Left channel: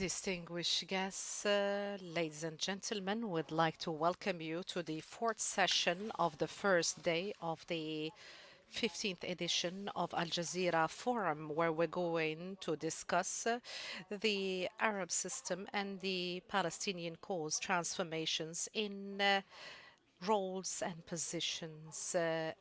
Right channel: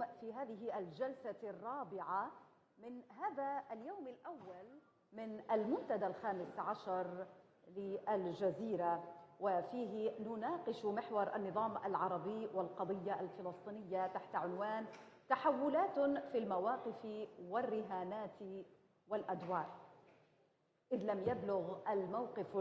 Distinguished guests, ladies and gentlemen, would like to welcome you to the fourth session of the first day of the 15th edition of Al Jazeera Forum, where we're going to discuss the Arab system and the Palestinian cause transformations in roles and positions and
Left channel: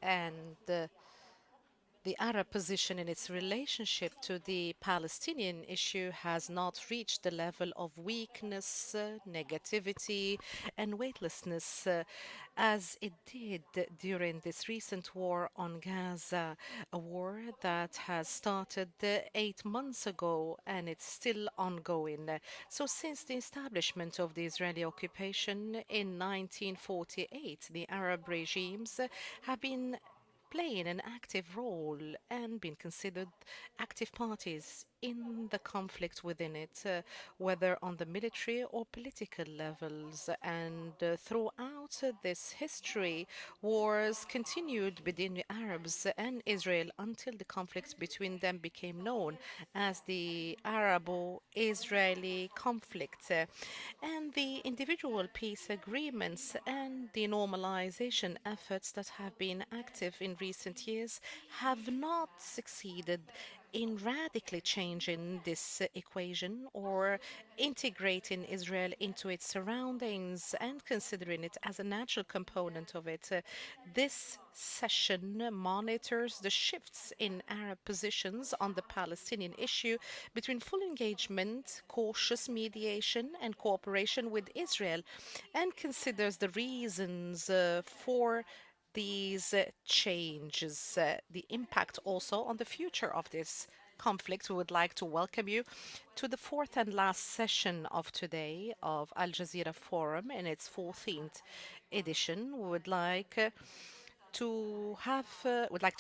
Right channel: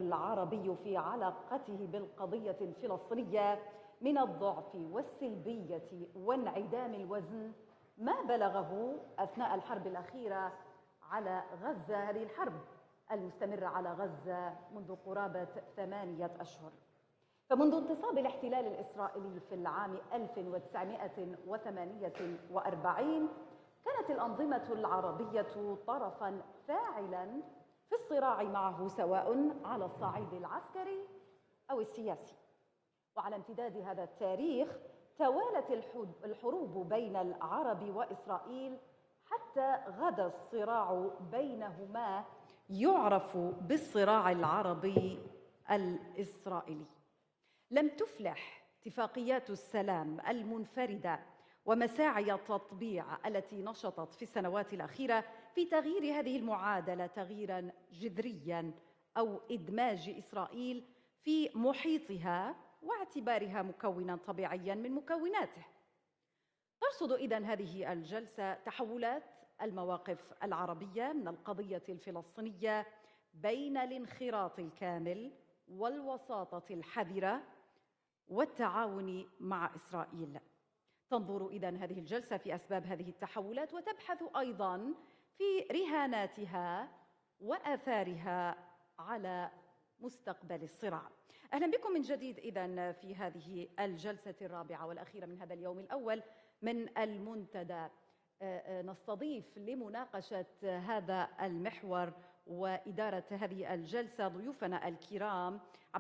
the Arab position in its relationship to the Palestinian issue has not reached the level of weakness, negativity, and weightlessness as it did during this recent war on Gaza, a war that has started 8 months ago and it's still ongoing. So, since the establishment of the Israeli occupation in 1948, the Arab regimes have been playing an active role and been considered active parties in the conflict within it, whether on the military or political levels. And throughout this history, wars continued between the Arabs and Israel until the conflict between them became known as the Arabo-Israeli conflict. And the individual peace agreements and the normalization efforts that have been active in recent years have not succeeded in radically changing this equation or integrating Israel into its surroundings and considering it as a natural component of it. This session monitors the shifts in Arab positions on the Palestinian issue between full engagement, cautious mediation, and cooperation with Israel, and considers the reasons for these changes, the impact also on the future of this conflict. We would like to welcome you to the fourth and last session of today of Al Jazeera Forum in its 14th edition. We would like to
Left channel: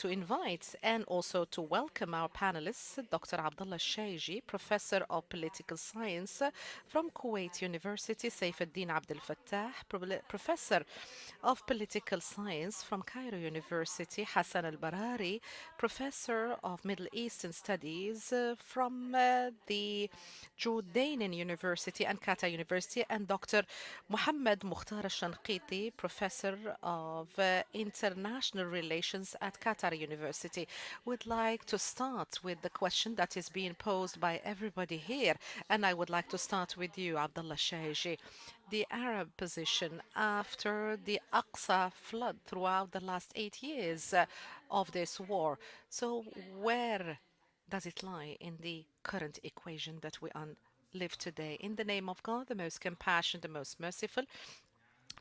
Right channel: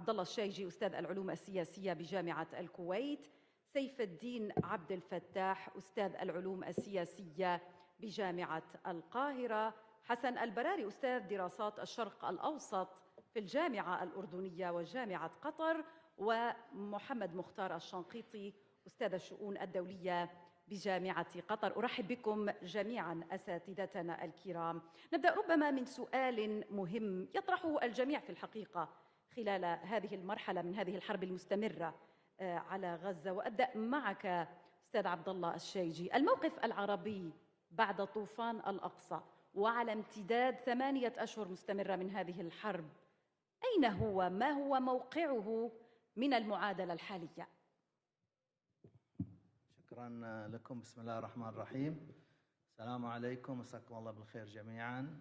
invite and also to welcome our panelists, Dr. Abdullah Shaiji, Professor of Political Science from Kuwait University, Saifuddin Abdel Fattah, Professor of Political Science from Cairo University, Hassan al-Barari, Professor of Middle Eastern Studies from the Jordanian University and Qatar University, and Dr. Mohammed Mukhtar al-Shanqiti, Professor of International Relations at Qatar University. Would like to start with the question that is being posed by everybody here, and I would like to start with you, Abdullah Shaiji. The Arab position after the Aqsa flood throughout the last 8 years of this war. So where does it lie in the current equation that we live today? In the name of God, the most compassionate, the most merciful,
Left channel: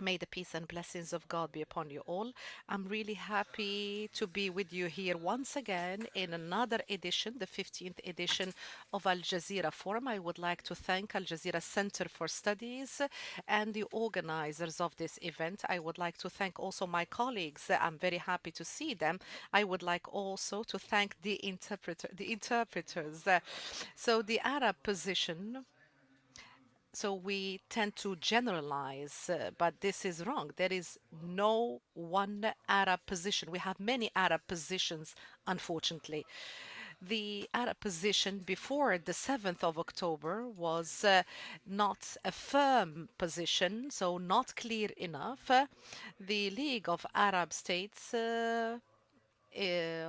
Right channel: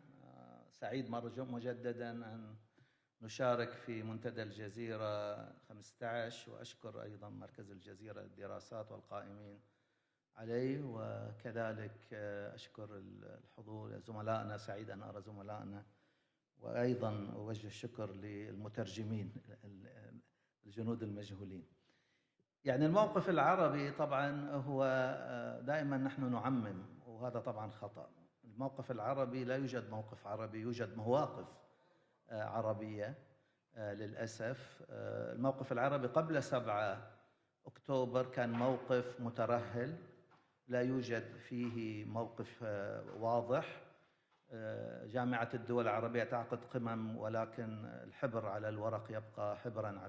may the peace and blessings of God be upon you all. I'm really happy to be with you here once again in another edition, the 15th edition of Al Jazeera Forum. I would like to thank Al Jazeera Center for Studies and the organizers of this event. I would like to thank also my colleagues. I'm very happy to see them. I would like also to thank the interpreters. So the Arab position, so we tend to generalize, but this is wrong. There is no one Arab position. We have many Arab positions, unfortunately. The Arab position before the 7th of October was not a firm position, so not clear enough. The League of Arab States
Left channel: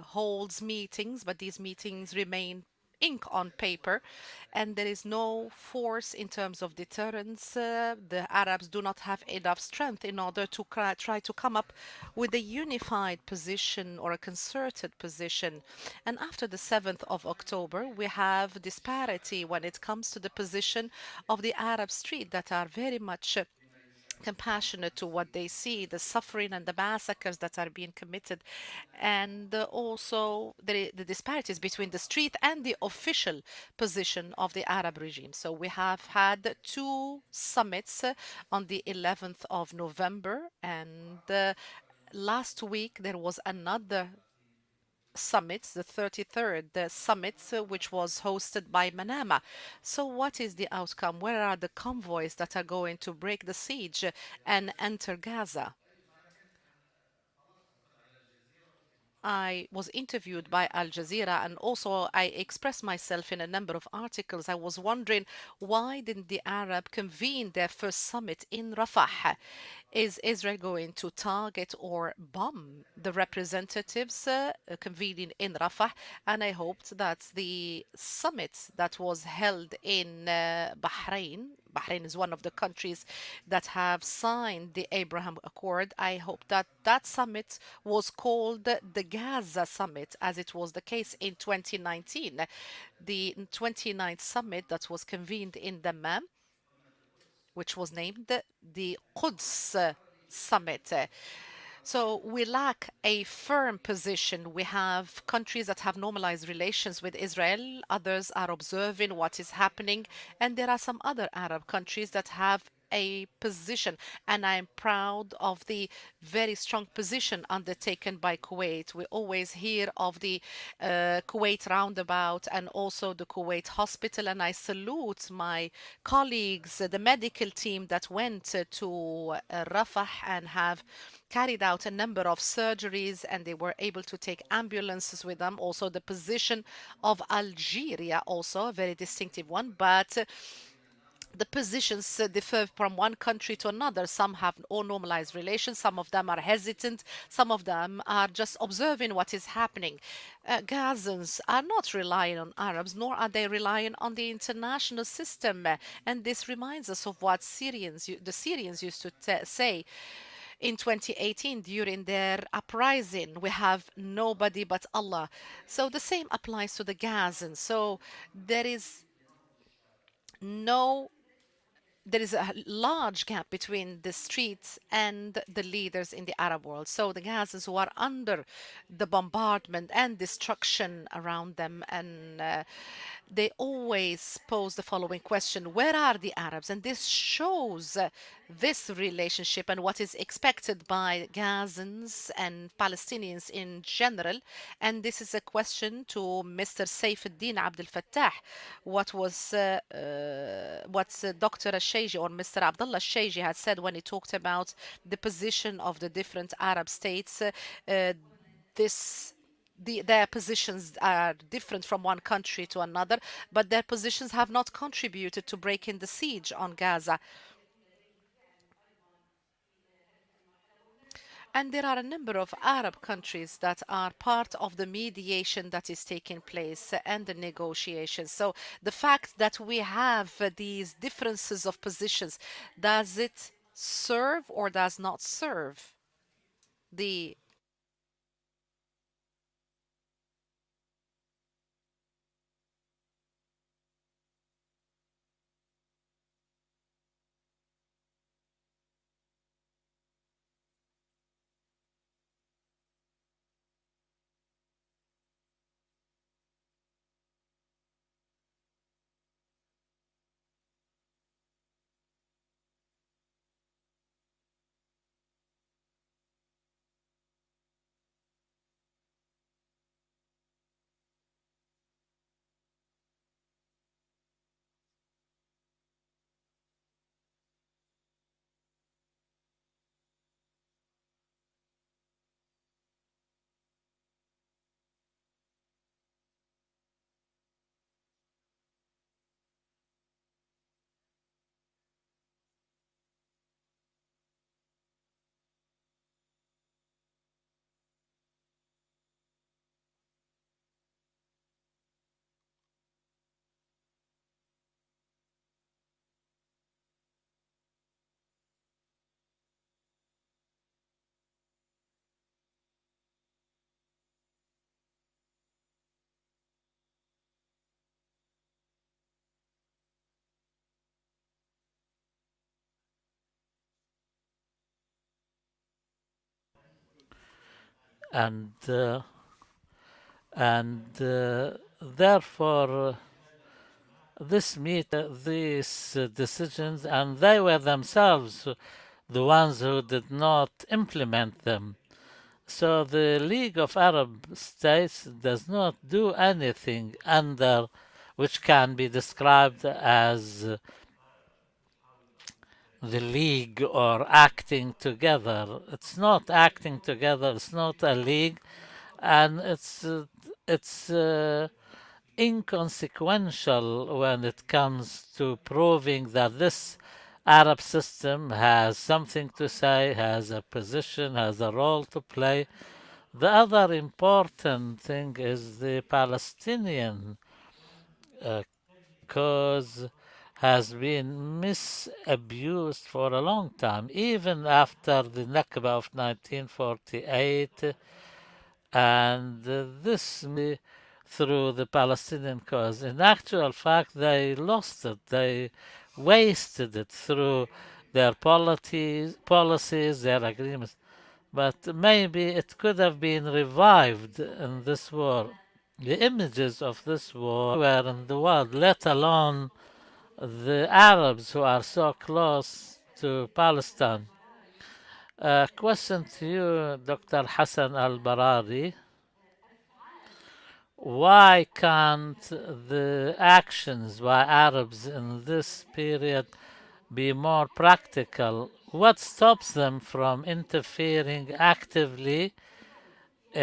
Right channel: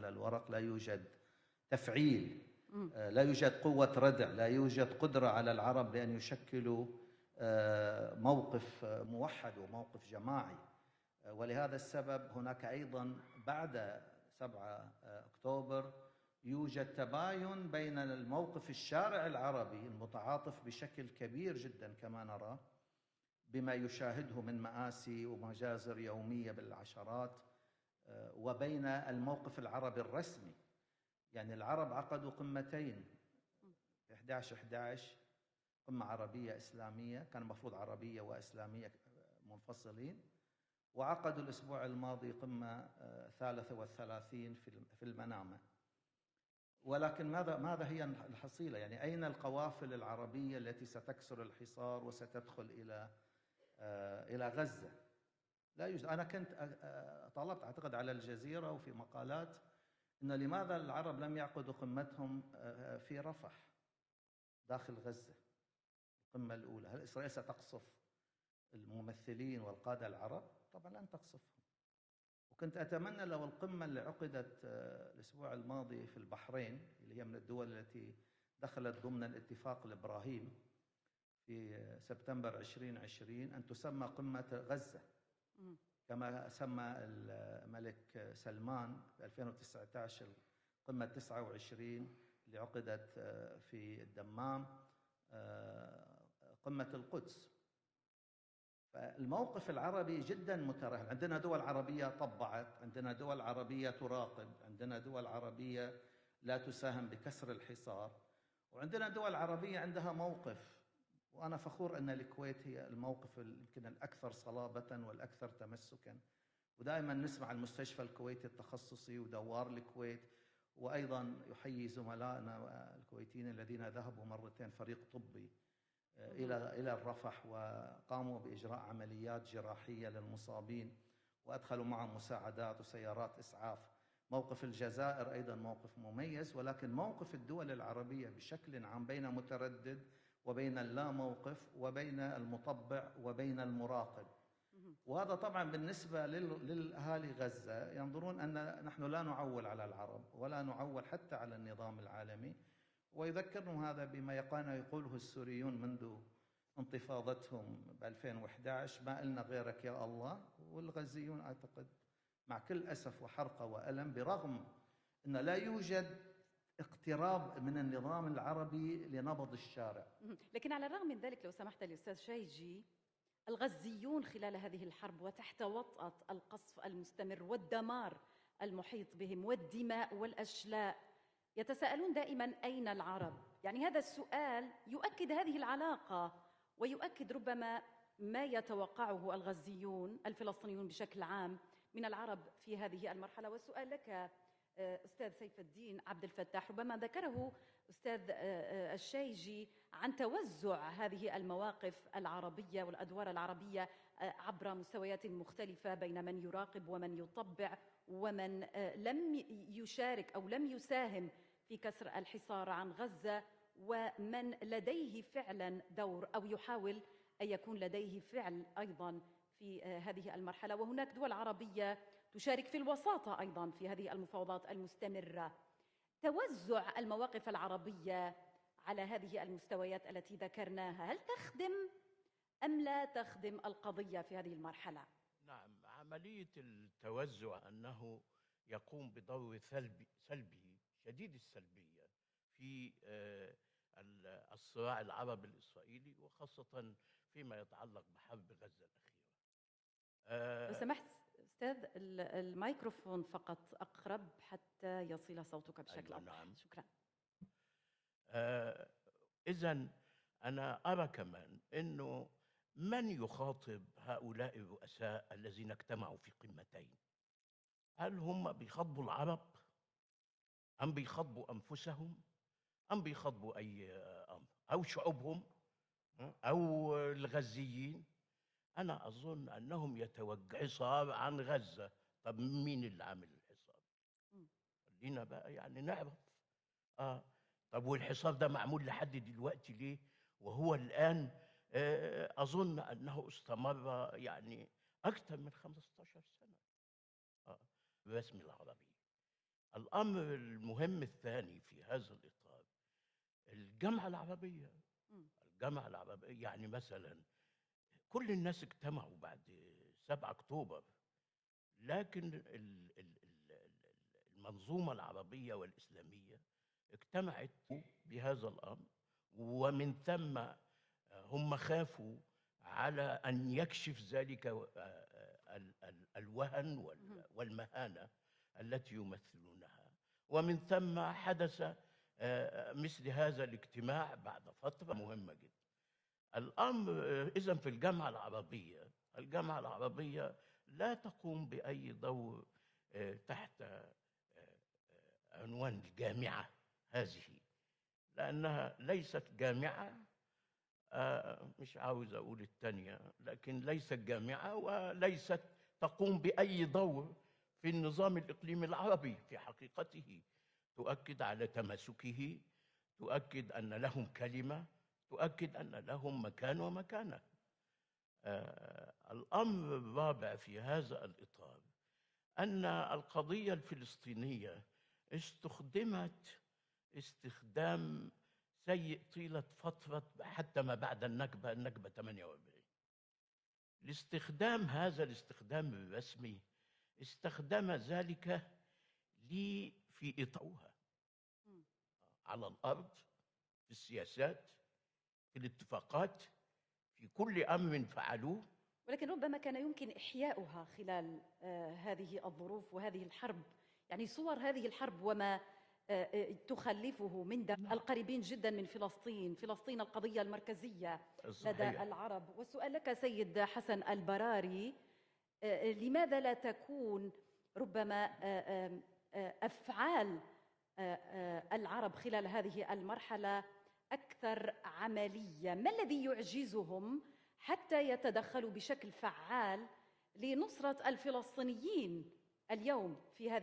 holds meetings, but these meetings remain ink on paper, and there is no force in terms of deterrence. The Arabs do not have enough strength in order to try to come up with a unified position or a concerted position. And after the 7th of October, we have disparity when it comes to the position of the Arab street that are very much compassionate to what they see, the suffering and the massacres that are being committed, and also the disparities between the street and the official position of the Arab regime. So we have had two summits on the 11th of November, and last week there was another summit, the 33rd summit, which was hosted by Manama. So what is the outcome? Where are the convoys that are going to break the siege and enter Gaza? I was interviewed by Al Jazeera and also I expressed myself in a number of articles. I was wondering why didn't the Arab convene their first summit in Rafah? Is Israel going to target or bomb the representatives convening in Rafah? And I hoped that the summit that was held in Bahrain, Bahrain is one of the countries that have signed the Abraham Accord. I hope that that summit was called the Gaza Summit, as it was the case in 2019, the 29th summit that was convened in Dammam, which was named the Quds Summit. So we lack a firm position. We have countries that have normalized relations with Israel, others are observing what is happening, and there are some other Arab countries that have a position. And I'm proud of the very strong position undertaken by Kuwait. We always hear of the Kuwait roundabout and also the Kuwait hospital, and I salute my colleagues, the medical team that went to Rafah and have carried out a number of surgeries and they were able to take ambulances with them. Also, the position of Algeria, also a very distinctive one, but the positions differ from one country to another. Some have all normalized relations, some of them are hesitant, some of them are just observing what is happening. Gazans are not relying on Arabs, nor are they relying on the international system. And this reminds us of what the Syrians used to say in 2018 during their uprising. We have nobody but Allah. So the same applies to the Gazans. So there is no there is a large gap between the streets and the leaders in the Arab world. So the Gazans who are under the bombardment and destruction around them, and they always pose the following question: where are the Arabs? And this shows this relationship and what is expected by Gazans and Palestinians in general. And this is a question to Mr. Saifuddin Abdel Fattah. What Dr. Al-Sheiji or Mr. Abdullah Al-Sheiji had said when he talked about the position of the different Arab states. This their positions are different from one country to another, but their positions have not contributed to breaking the siege on Gaza. And there are a number of Arab countries that are part of the mediation that is taking place and the negotiations. So the fact that we have these differences of positions, does it serve or does not serve the يقوم بدور سلبي شديد السلبية في الصراع العربي الإسرائيلي وخاصة فيما يتعلق بحرب غزة الأخيرة. لو سمحت أستاذ الميكروفون فقط أقرب حتى يصل صوتك بشكل أفضل. نعم. شكرا. إذن أنا أرى كمان أنه من يخاطب هؤلاء الرؤساء الذين اجتمعوا في قمتين؟ هل هم بيخاطبوا العرب أم بيخاطبوا أنفسهم أم بيخاطبوا أي أمر أو شعوبهم أو الغزيين؟ أنا أظن أنهم يتوجه حصار عن غزة. طب مين اللي عامل الحصار؟ خلينا بقى يعني نعرف. طب والحصار ده معمول لحد دلوقتي ليه؟ وهو الآن أظن أنه استمر يعني أكثر من 15 سنة برسم العربي. الأمر المهم الثاني في هذا الإطار الجامعة العربية. الجامعة العربية يعني مثلا كل الناس اجتمعوا بعد 7 أكتوبر، لكن المنظومة العربية والإسلامية اجتمعت بهذا الأمر، ومن ثم هم خافوا على أن يكشف ذلك الوهن والمهانة. Therefore these decisions, and they were themselves the ones who did not implement them. So the League of Arab States does not do anything under which can be described as مش عاوز اقول التانية، the لكن league ليس or جميعها acting وليس together. It's تقوم not بأي acting دور together, it's في not a النظام league, الإقليمي العربي and في فلسطين. it's تؤكد على تماسكه، تؤكد أن inconsequential له when it كلمة، comes to تؤكد proving له that مكان this ومكانة. Arab system has something to الأمر say, has الرابع a في هذا position, has a role to play. أن The القضية other الفلسطينية important thing is the استخدمت Palestinian باستخدام uh, سيء طيلة cause فترة حتى has ما بعد been النكبة، النكبة 48. misused for a long time, even استخدام after هذا the Nakba الاستخدام of الرسمي 1948, استخدم ذلك and في this إطار through the Palestinian على cause. الأرض In actual fact, they سياسات lost it. They اتفاقات wasted it through برئ من their فعله. policies, their agreements. But maybe it could have been revived in this war. The images of this war were in the world, let alone the Arabs who are so close to Palestine. Question to you, Dr. Hassan al-Barari. Why can't the actions by Arabs in this period be more practical? What stops them from interfering actively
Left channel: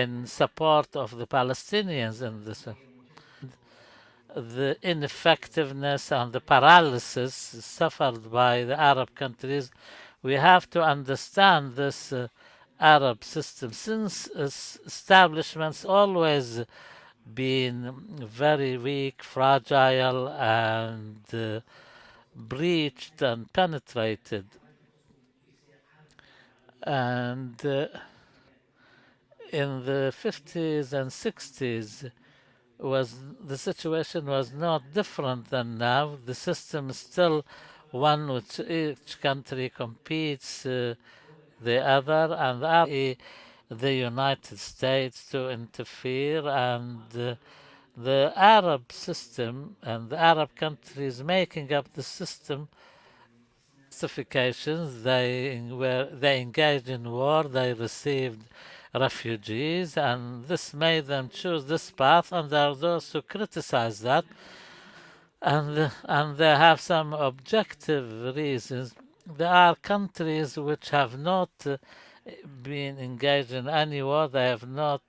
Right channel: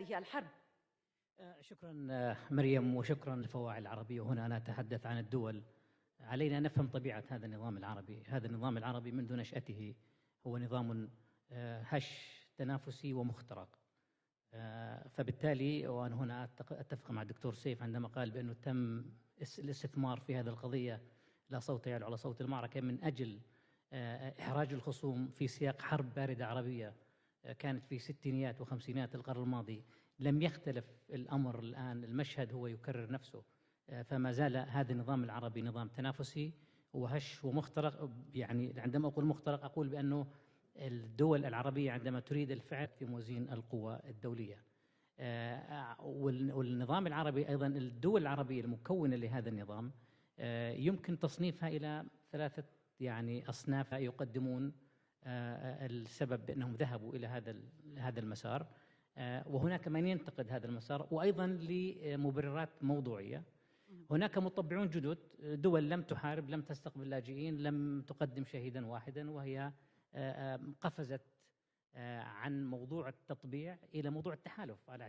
in support of the Palestinians in this? The ineffectiveness and the paralysis suffered by the Arab countries, we have to understand this Arab system, since its establishments always been very weak, fragile, and breached and penetrated. And in the 50s and 60s, the situation was not different than now. The system is still one which each country competes the other, and the United States to interfere, and the Arab system and the Arab countries making up the system justifications. They engaged in war, they received refugees, and this made them choose this path, and there are those who criticize that, and they have some objective reasons. There are countries which have not been engaged in any war, they have not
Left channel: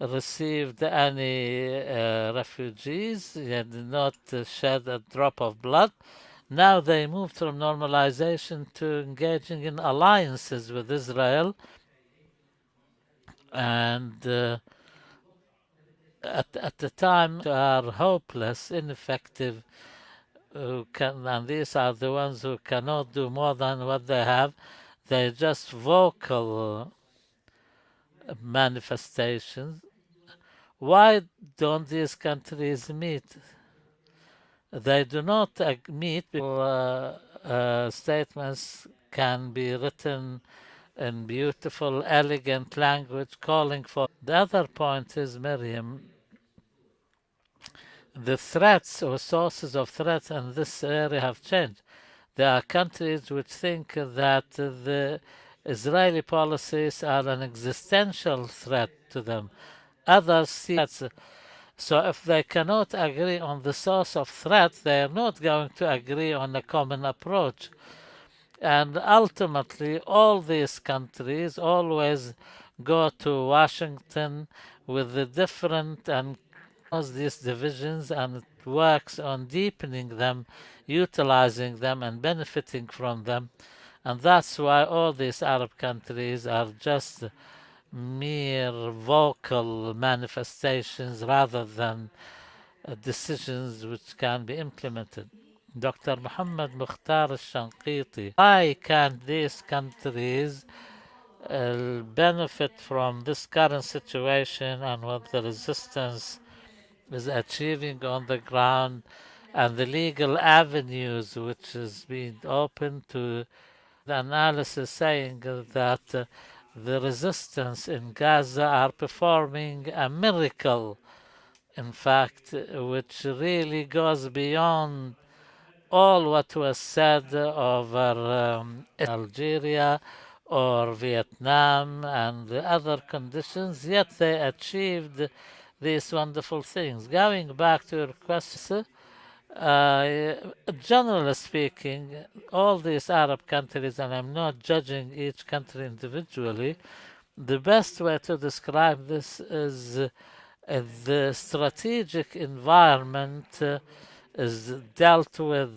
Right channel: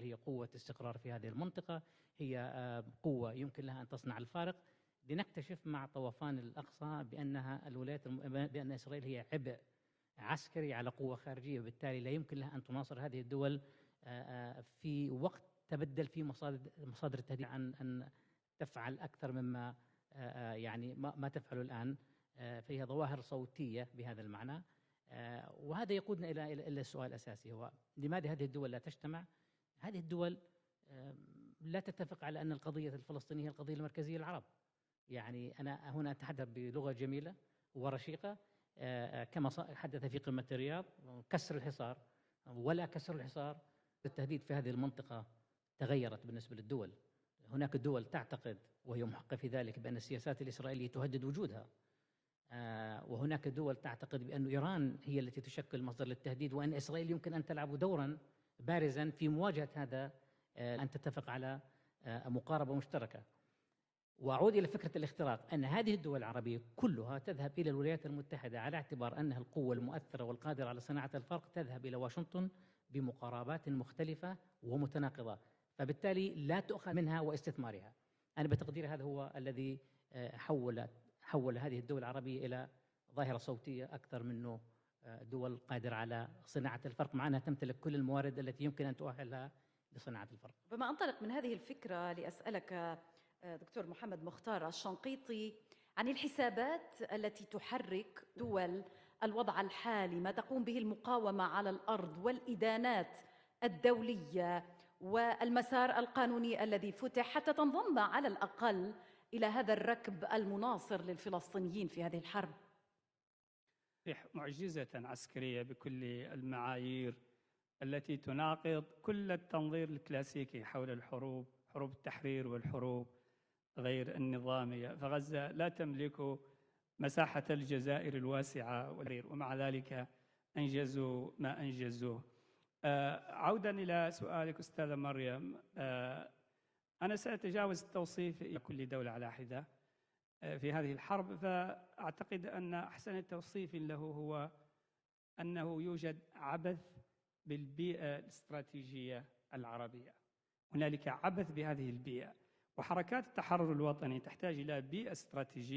received any refugees, they did not shed a drop of blood. Now they moved from normalization to engaging in alliances with Israel, and at the time are hopeless, ineffective, and these are the ones who cannot do more than what they have. They're just vocal manifestations. Why don't these countries meet? They do not meet. Statements can be written in beautiful, elegant language calling for. The other point is, Miriam, the threats or sources of threats in this area have changed. There are countries which think that the Israeli policies are an existential threat to them. Others see that. So if they cannot agree on the source of threat, they are not going to agree on a common approach. And ultimately, all these countries always go to Washington with the different and cause these divisions, and it works on deepening them, utilizing them, and benefiting from them. And that's why all these Arab countries are just mere vocal manifestations rather than decisions which can be implemented. Dr. Muhammad Mukhtar al-Shanqiti, why can't these countries benefit from this current situation and what the resistance is achieving on the ground, and the legal avenues which is being open to the analysis saying that the resistance in Gaza are performing a miracle, in fact, which really goes beyond all what was said over Algeria or Vietnam and the other conditions, yet they achieved these wonderful things. Going back to your question, Uh, Generally speaking, all these Arab countries, and I'm not judging each country individually, the best way to describe this is the strategic environment is dealt with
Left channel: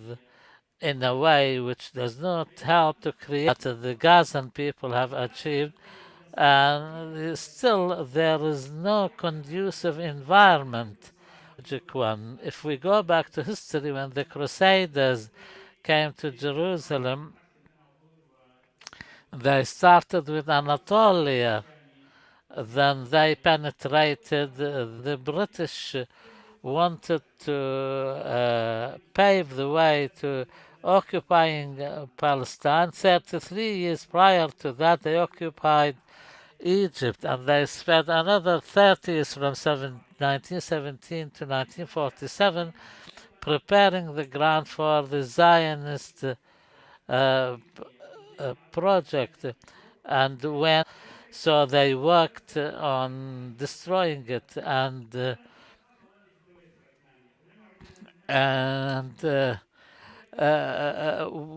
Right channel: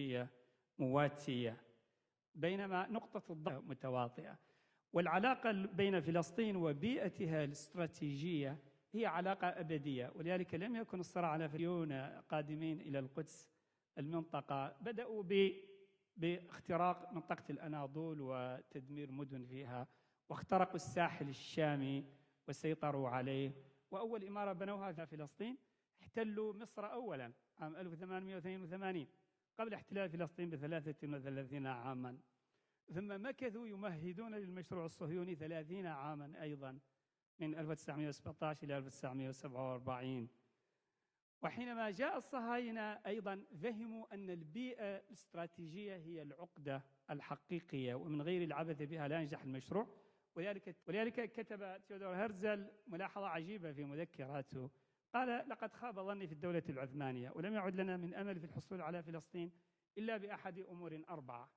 in a way which does not help to create what the Gazan people have achieved, and still there is no conducive environment. One. If we go back to history, when the Crusaders came to Jerusalem, they started with Anatolia, then they penetrated. The British wanted to pave the way to occupying Palestine. 33 years prior to that, they occupied Egypt, and they spent another 30 years from 1917 to 1947 preparing the ground for the Zionist project. And when so they worked on destroying it, and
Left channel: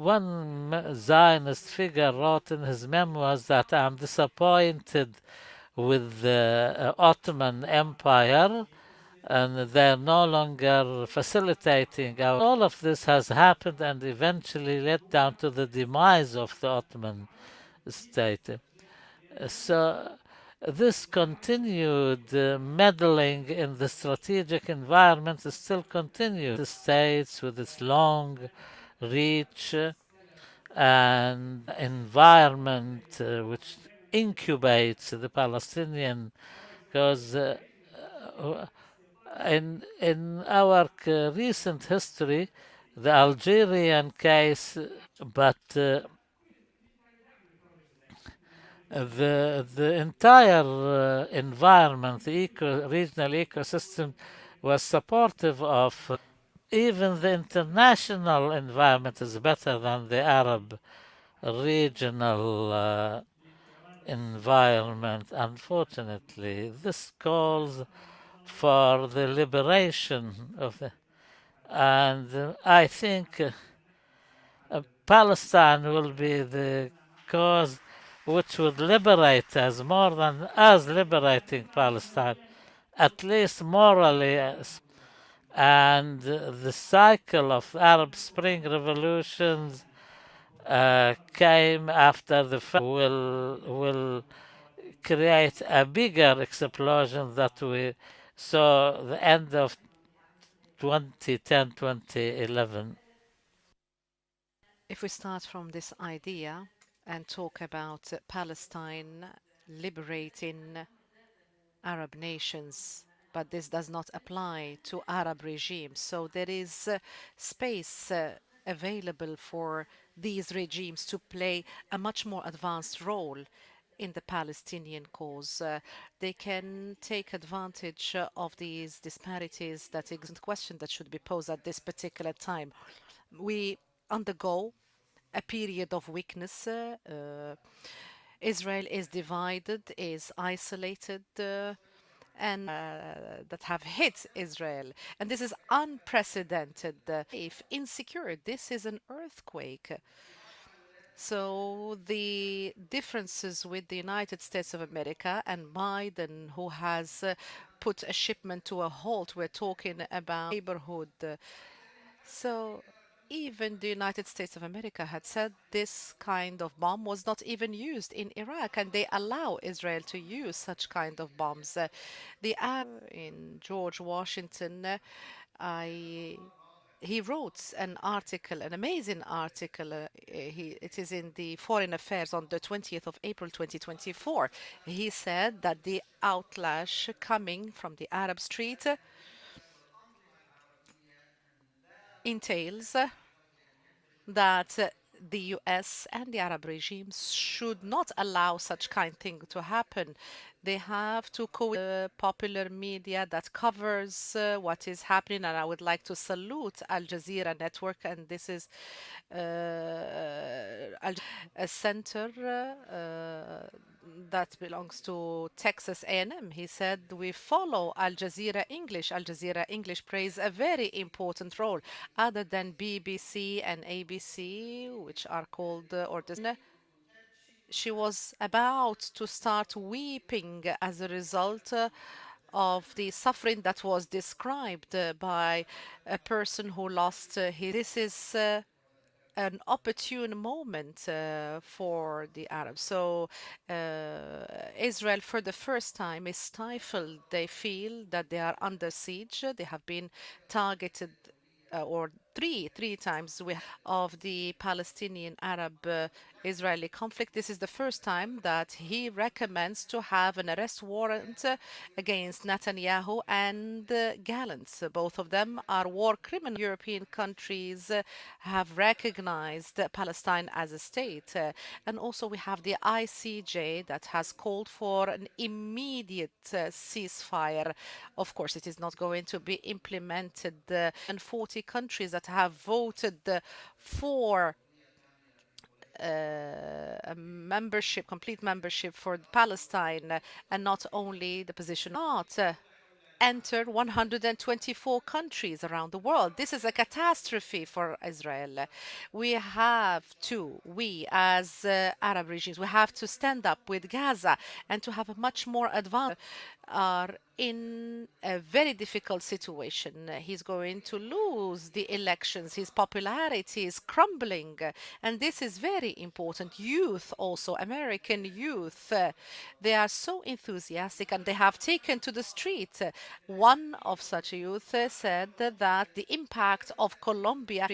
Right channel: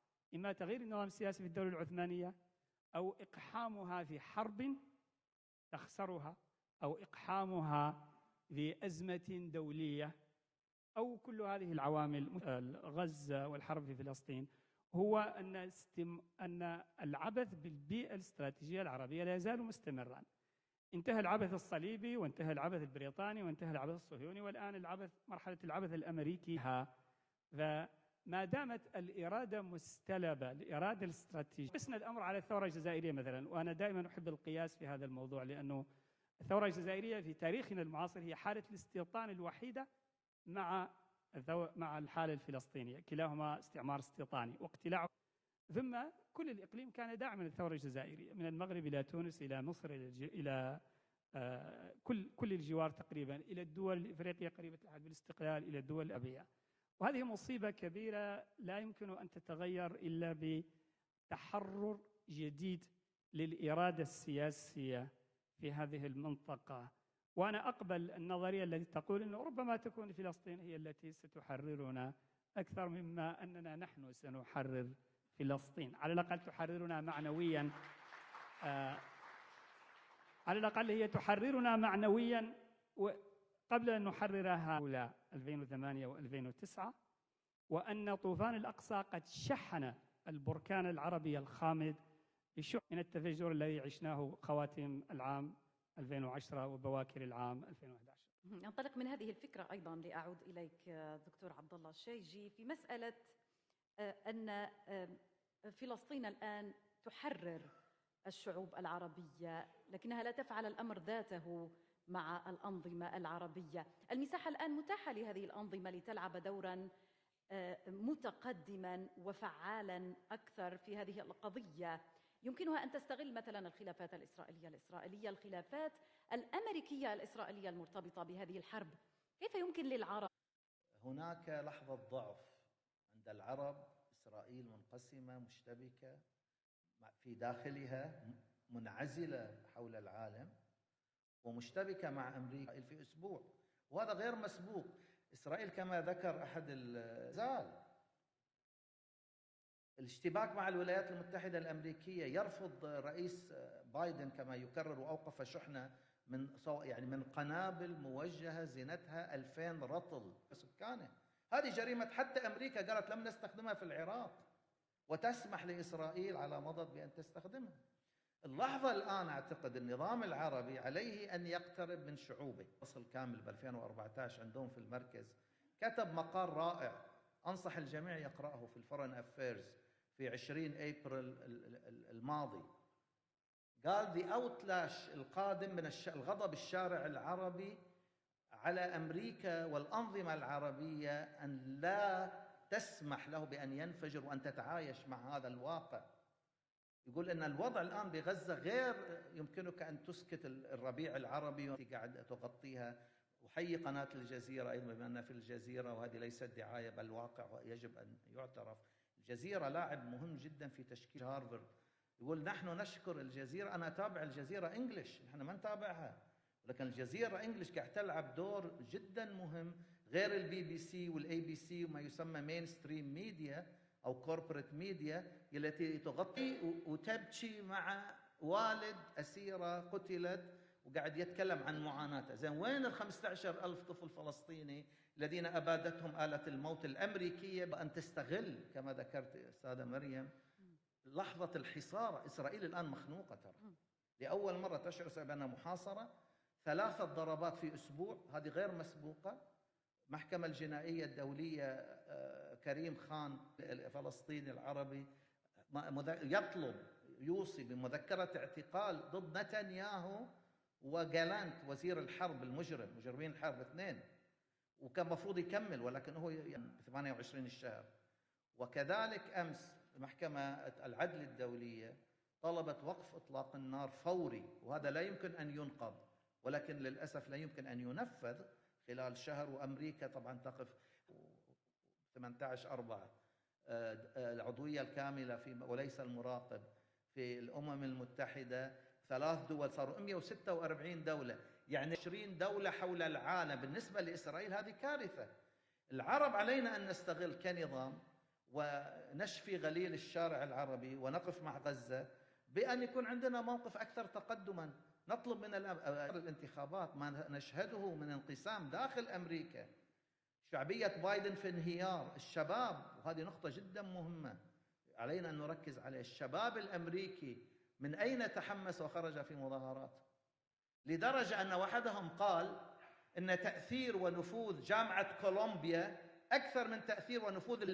one Zionist figure wrote in his memoirs that I'm disappointed with the Ottoman Empire, and they're no longer facilitating. All of this has happened and eventually led down to the demise of the Ottoman state. So this continued meddling in the strategic environment still continues. The states with its long reach and environment which incubates the Palestinian, because in our recent history, the Algerian case, but the entire environment, the regional ecosystem, was supportive of. Even the international environment is better than the Arab regional environment. Unfortunately, this calls for the liberation of the, and I think Palestine will be the cause which would liberate us more than us liberating Palestine, at least morally. And the cycle of Arab Spring revolutions came after the will create a bigger explosion that we saw the end of 2010, 2011. If we start from this idea and talk about Palestine liberating Arab nations, but this does not apply to Arab regimes. So there is space available for these regimes to play a much more advanced role in the Palestinian cause. They can take advantage of these disparities. That is a question that should be posed at this particular time. We undergo a period of weakness. Israel is divided, is isolated, and that have hit Israel. And this is unprecedented. If insecure, this is an earthquake. So the differences with the United States of America and Biden, who has put a shipment to a halt, we're talking about neighborhood. So even the United States of America had said this kind of bomb was not even used in Iraq, and they allow Israel to use such kind of bombs. The ad in George Washington, I he wrote an article, an amazing article. It is in the Foreign Affairs on the 20th of April 2024. He said that the outlash coming from the Arab street entails that the US and the Arab regimes should not allow such kind thing to happen. They have to co popular media that covers what is happening, and and I would like to salute Al Jazeera Network, and this is a center that belongs to Texas A&M. He said, we follow Al Jazeera English. Al Jazeera English plays a very important role other than BBC and ABC, which are called or Disney. She was about to start weeping as a result of the suffering that was described by a person who lost his. This is an opportune moment for the Arabs. So Israel, for the first time, is stifled. They feel that they are under siege. They have been targeted or three times of the Palestinian Arab Israeli conflict. This is the first time that he recommends to have an arrest warrant against Netanyahu and Gallant. Both of them are war criminals. European countries have recognized Palestine as a state. And also we have the ICJ that has called for an immediate ceasefire. Of course, it is not going to be implemented. And 40 countries that have voted for membership, complete membership for Palestine, and not only the position not entered 124 countries around the world. This is a catastrophe for Israel. We as Arab regimes, we have to stand up with Gaza and to have a much more advanced are in a very difficult situation. He's going to lose the elections. His popularity is crumbling. And this is very important. Youth also, American youth, they are so enthusiastic and they have taken to the street. One of such youth said that the impact of Colombia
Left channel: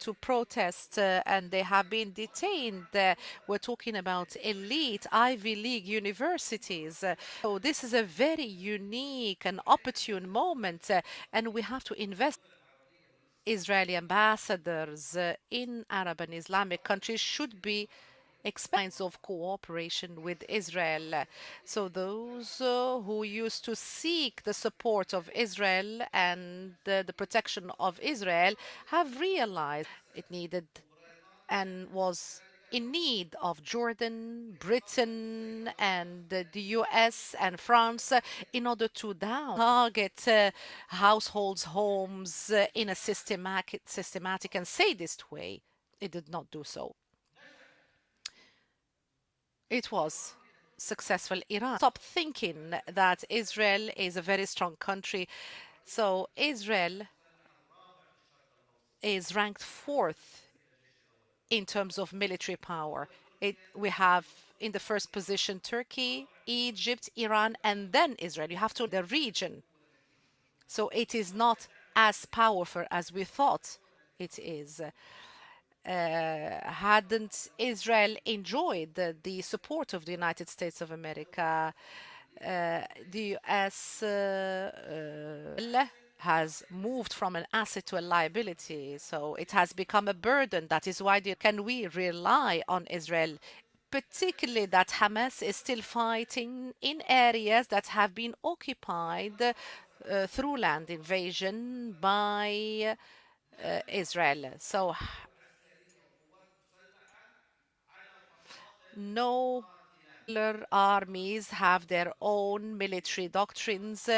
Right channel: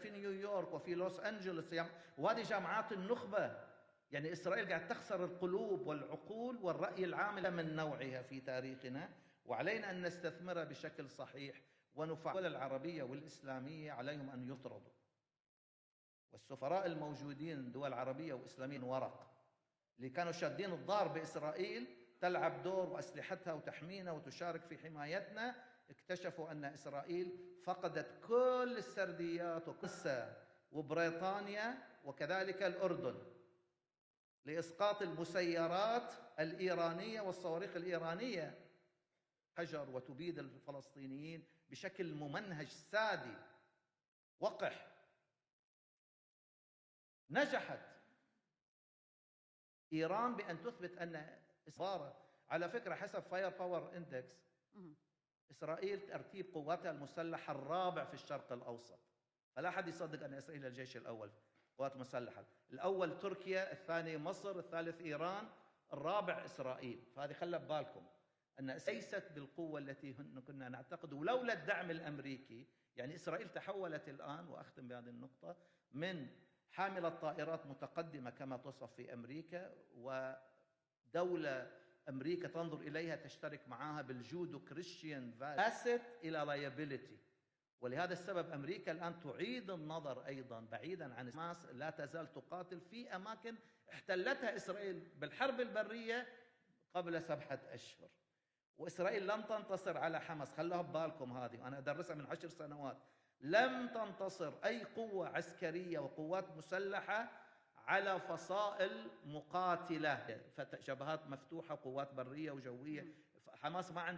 to protest and they have been detained. We're talking about elite Ivy League universities. So this is a very unique and opportune moment and we have to invest. Israeli ambassadors in Arab and Islamic countries should be expands of cooperation with Israel. So those who used to seek the support of Israel and the protection of Israel have realized it needed and was in need of Jordan, Britain, and the US and France in order to target households, homes in a systematic and sadist way. It did not do so. It was successful. Iran stopped thinking that Israel is a very strong country. So Israel is ranked fourth in terms of military power. We have in the first position Turkey, Egypt, Iran, and then Israel. You have to the region. So it is not as powerful as we thought it is. Hadn't Israel enjoyed the support of the United States of America, the US has moved from an asset to a liability, so it has become a burden. That is why can we rely on Israel, particularly that Hamas is still fighting in areas that have been occupied through land invasion by Israel. So no armies have their own military doctrines.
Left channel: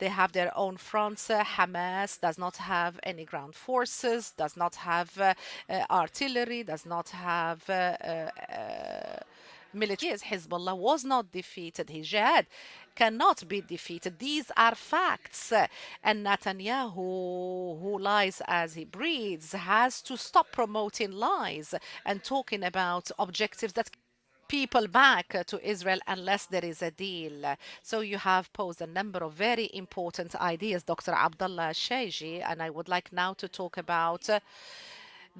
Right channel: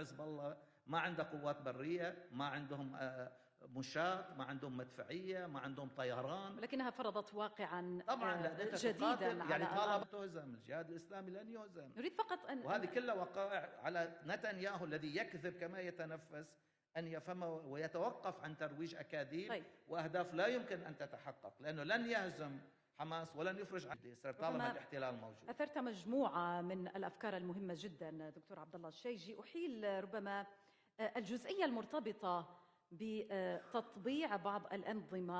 They have their own fronts. Hamas does not have any ground forces, does not have artillery, does not have military. Hezbollah was not defeated. Jihad cannot be defeated. These are facts. And Netanyahu, who lies as he breathes, has to stop promoting lies and talking about objectives that people back to Israel unless there is a deal. So you have posed a number of very important ideas, Dr. Abdullah Shaiji, and I would like now to talk about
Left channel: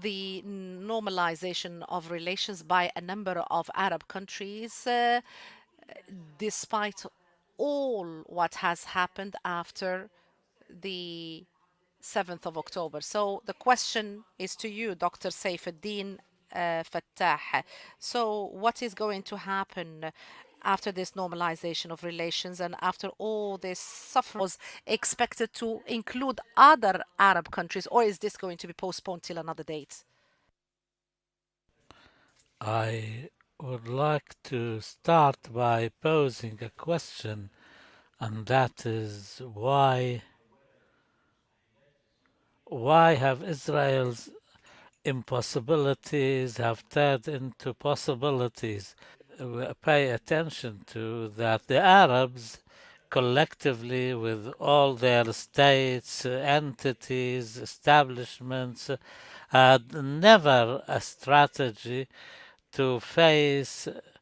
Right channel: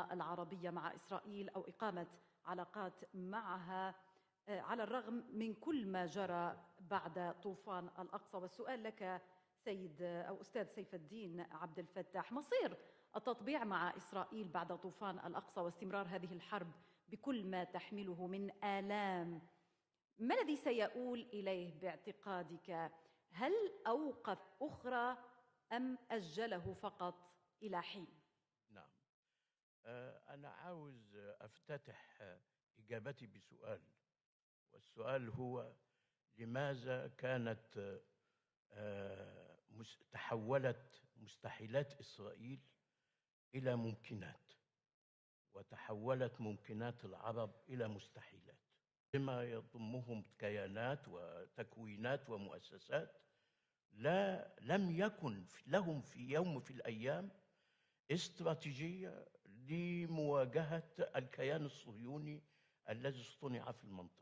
the normalization of relations by a number of Arab countries كل ما جرى despite بعد طوفان all الأقصى، what وسئل has لك happened سيد after أو أستاذ سيف the الدين عبد الفتاح 7th of مصير October. So the التطبيع مع question إسرائيل is to بعد you, طوفان Dr. الأقصى واستمرار Saifuddin هذه الحرب بكل Fattah. ما تحمله So من what is going to آلام. happen ما الذي after this سيؤول normalization إليه of في relations and اعتقادك؟ after all هل this suffering أوقات was أخرى expected to أم include أجله other فقط Arab إلى countries, or حين؟ is this going to be postponed till another date? أنا عاوز أفتتح I إجابتي would بسؤال. like to السؤال start هو by posing a لماذا question, كانت and that is تحولت مستحيلات إسرائيل why have إلى Israel's ممكنات وتحولت impossibilities have ممكنات turned العرب into إلى ممتلكات possibilities? بما Pay يضمهم attention كيانات to that the وتكتلات Arabs ومؤسسات collectively, with لم all their يكن states, في يوم من الأيام entities, establishments, استراتيجية had في never مواجهة a الكيان strategy الصهيوني to الذي صنع face في المنطقة.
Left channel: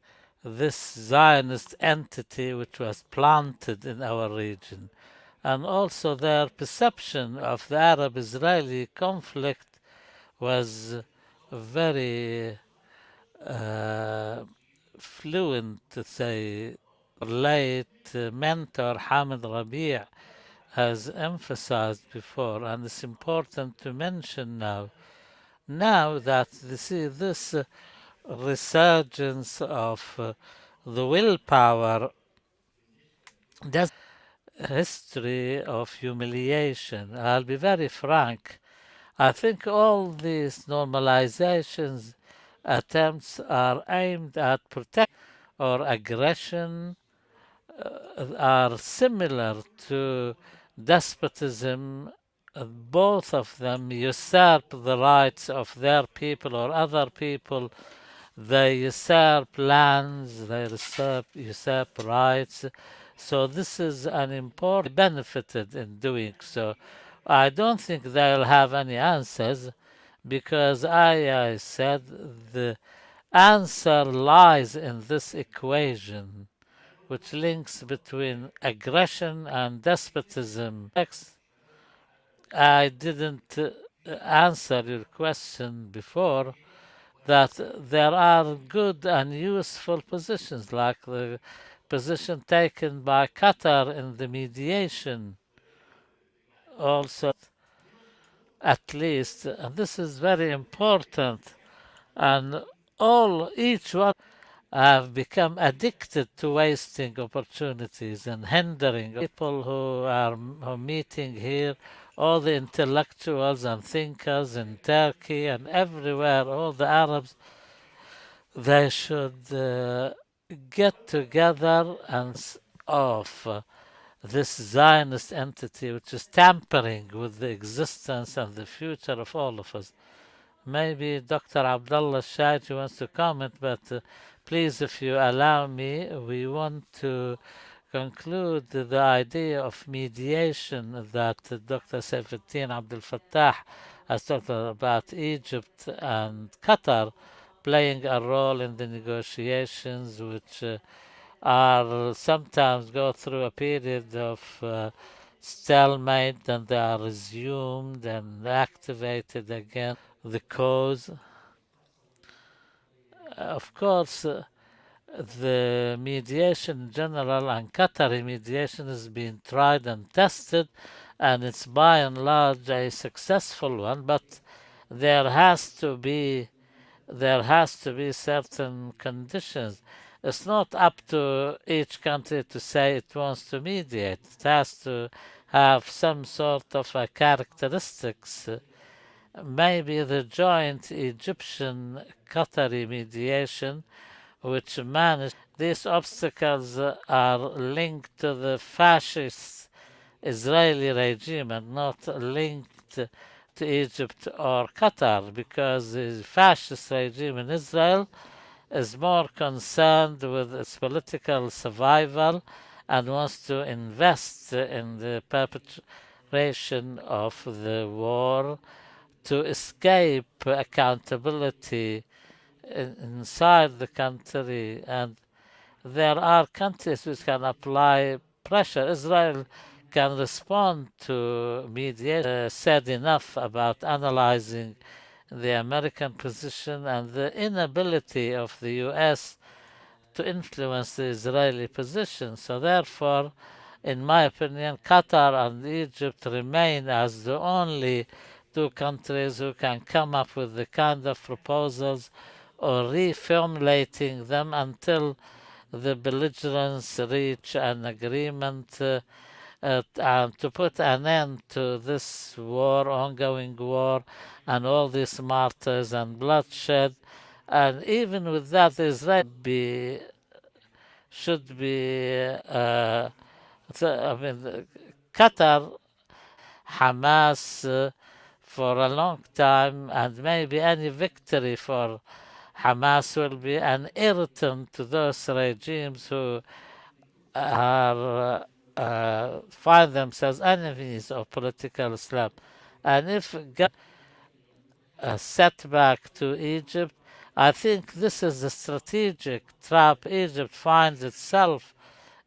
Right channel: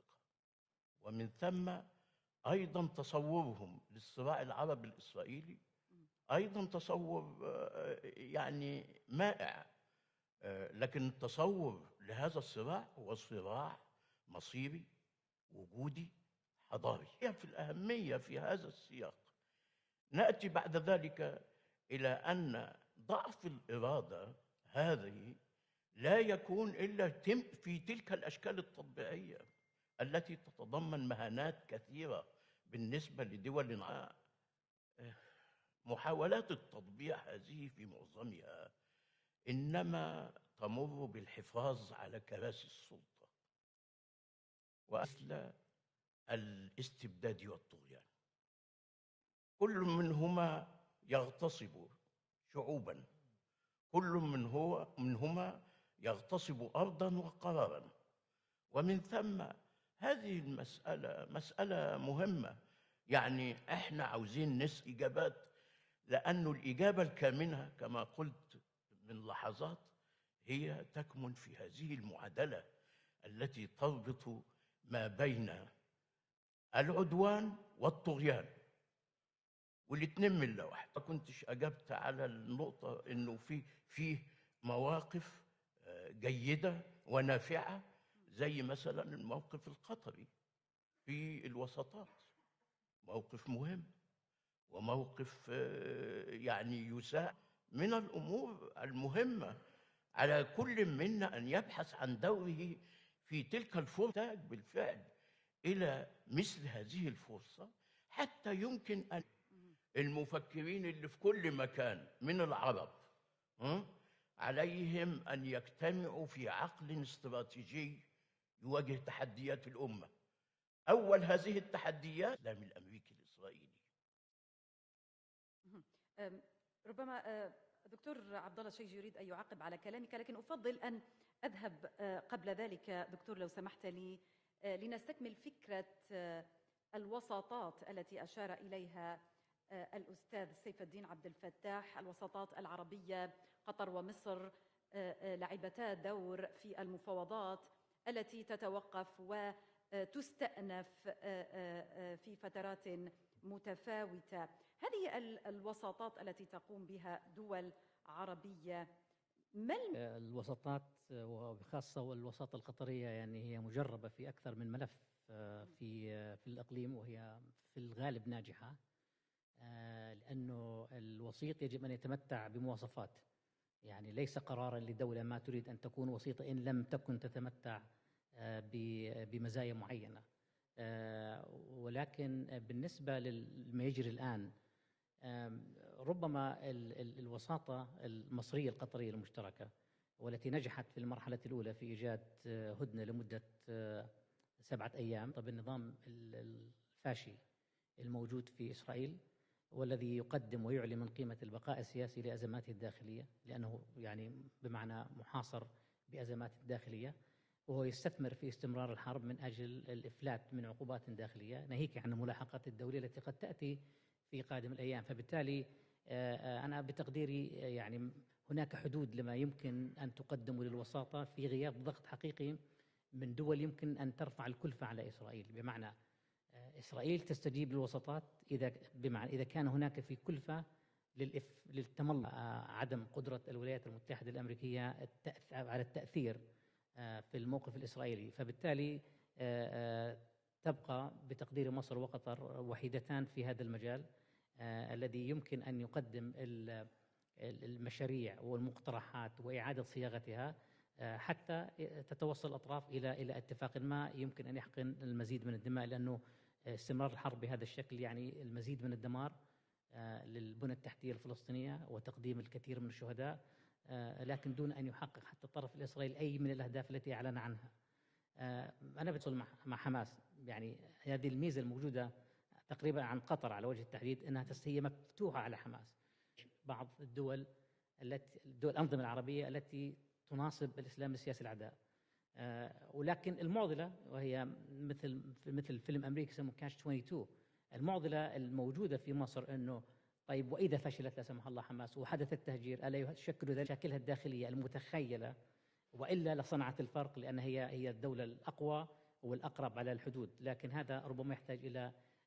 this ومن Zionist ثم entity which أيضا was تصورهم planted in our للصراع العربي region, الإسرائيلي and also their أيضا تصور perception of the Arab يعني Israeli مائع conflict was لكن تصور لهذا very الصراع هو صراع مصيري fluent, to وجودي say. حضاري Our late الأهمية في هذا mentor الصراع Hamid Rabi' نأتي بعد has ذلك emphasized إلى before, أن and it's ضعف important to الإرادة mention now, هذه now لا that يكون you see إلا this في تلك الأشكال التوزيعية resurgence of التي تتضمن the معاناة willpower كبيرة بالنسبة does لدولنا history of محاولات humiliation. التطبيع I'll be very frank. الإسرائيلية I think all إنما these مررنا بالحفاظ normalizations على كراسي السلطة attempts are aimed at protect وعرفنا or aggression الاستبداديات are similar كل to منهما يغتصب despotism. شعوبا Both of them كل usurp the rights منهما of their people يغتصب or other أرضا people. وقرارا They ومن ثم usurp lands, هذه they مسألة usurp مهمة rights. So يعني this احنا is an عاوزين important نسأل إجابات benefited in doing لأنه so. الإجابة I الكامنة don't كما think قلت they'll have any منذ answers لحظات هي because في I الشاشة said المعادلة the التي answer تربط lies in ما this بين equation which العدوان links والطغيان between aggression and والاثنين منهم despotism. ما كنتش أجبت على I النقطة إنه didn't في answer your مواقف question before جيدة that ونافعة there are زي good مثلا and موقف useful السلطة السورية positions, like the في الوساطة position الأوروبية taken by موقف مهم Qatar in the mediation. موقف يعني Also, مساهم من الأمور at least, المهمة and this is على very كل منا important, أن يبحث عن and دوره في all تلك each one الفتاة بالفعل have become إلى addicted to مثل هذه wasting الفرص opportunities and حتى يمكن hindering أن people who are المفكرين اللي في meeting كل here, مكان all من the العرب intellectuals and thinkers in عليهم أن Turkey and ينحنوا everywhere, في all the عقد Arabs, استراتيجي they should لتحديات الأمة get أول هذه together and التحديات هذه الأيام off this Zionist entity which is tampering with the existence and the future of all of us. Maybe Dr. Abdullah Shait wants to comment, but please, if you allow me, we want to conclude the idea of mediation that Dr. Saifuddin Abdul Fattah has talked about Egypt and Qatar playing a role in the negotiations, which are sometimes go through a period of stalemate, and they are resumed and activated again. The cause, of course, the mediation in general and Qatari mediation has been tried and tested, and it's by and large a successful one, but there has to be certain conditions. It's not up to each country to say it wants to mediate. It has to have some sort of a characteristics. Maybe the joint Egyptian Qatari mediation, which managed these obstacles, are linked to the fascist Israeli regime and not linked to Egypt or Qatar, because the fascist regime in Israel is more concerned with its political survival and wants to invest in the perpetration of the war to escape accountability inside the country. And there are countries which can apply pressure. Israel can respond to mediation. Said enough about analyzing the American position and the inability of the US to influence the Israeli position. So therefore, in my opinion, Qatar and Egypt remain as the only two countries who can come up with the kind of proposals or reformulating them until the belligerents reach an agreement and to put an end to this war, ongoing war, and all these martyrs and bloodshed. And even with that, Israel should be Qatar Hamas for a long time, and maybe any victory for Hamas will be an irritant to those regimes who are find themselves enemies of political Islam. And if a setback to Egypt, I think this is the strategic trap Egypt finds itself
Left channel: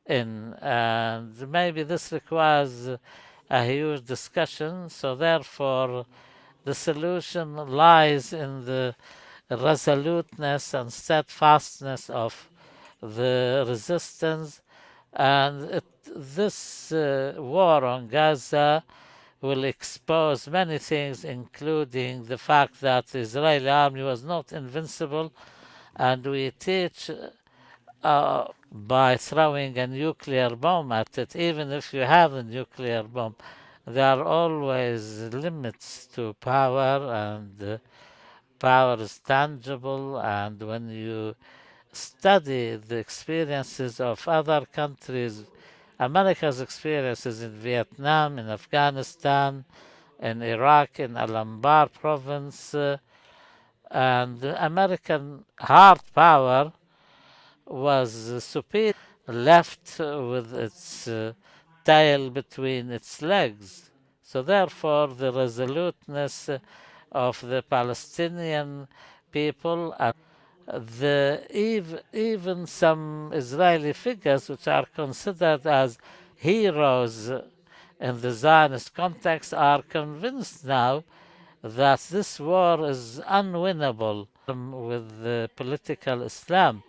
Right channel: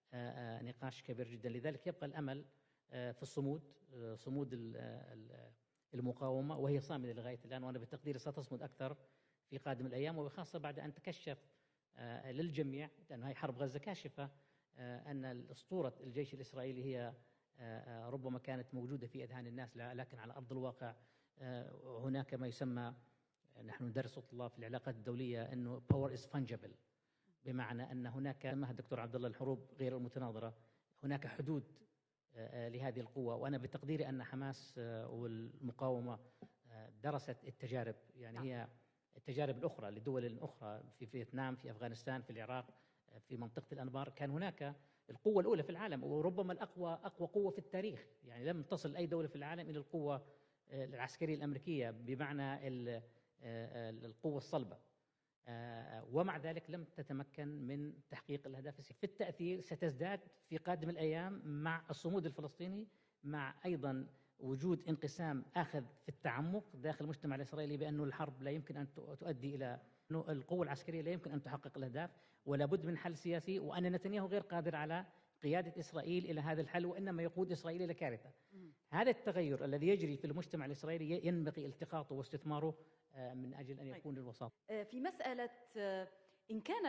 in, and maybe this requires a huge discussion. So therefore, the solution lies in the resoluteness and steadfastness of the resistance. And this war on Gaza will expose many things, including the fact that the Israeli army was not invincible, and we teach by throwing a nuclear bomb at it. Even if you have a nuclear bomb, there are always limits to power, and power is tangible. And when you study the experiences of other countries, America's experiences in Vietnam, in Afghanistan, in Iraq, in Al-Anbar province, and American hard power was superior, left with its tail between its legs. So therefore, the resoluteness of the Palestinian people, and even some Israeli figures which are considered as heroes in the Zionist context, are convinced now that this war is unwinnable with the political Islam.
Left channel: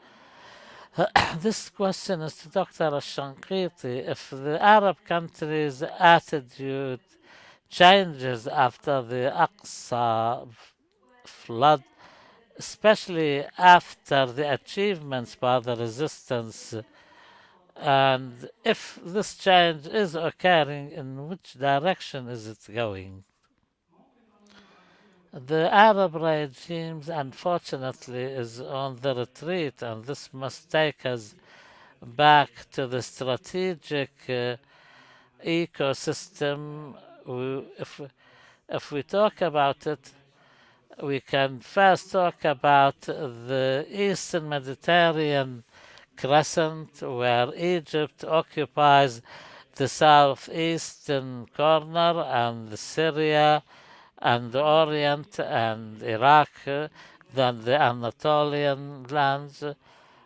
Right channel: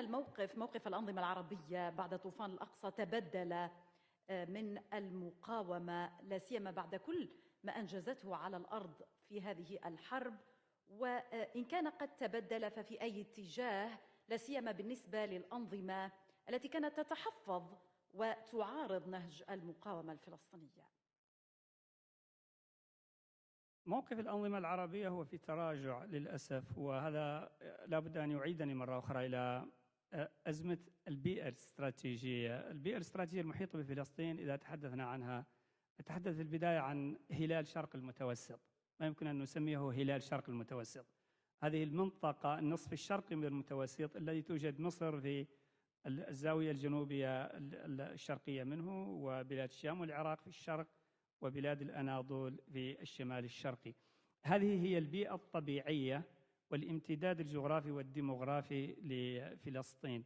This question is to Dr. Al-Shanqiti. If the Arab countries' attitude changes after the Aqsa flood, especially after the achievements by the resistance, and if this change is occurring, in which direction is it going? The Arab regimes, unfortunately, is on the retreat, and this must take us back to the strategic ecosystem. If we talk about it, we can first talk about the Eastern Mediterranean crescent, where Egypt occupies the southeastern corner, and Syria and the Orient and Iraq, then the Anatolian lands.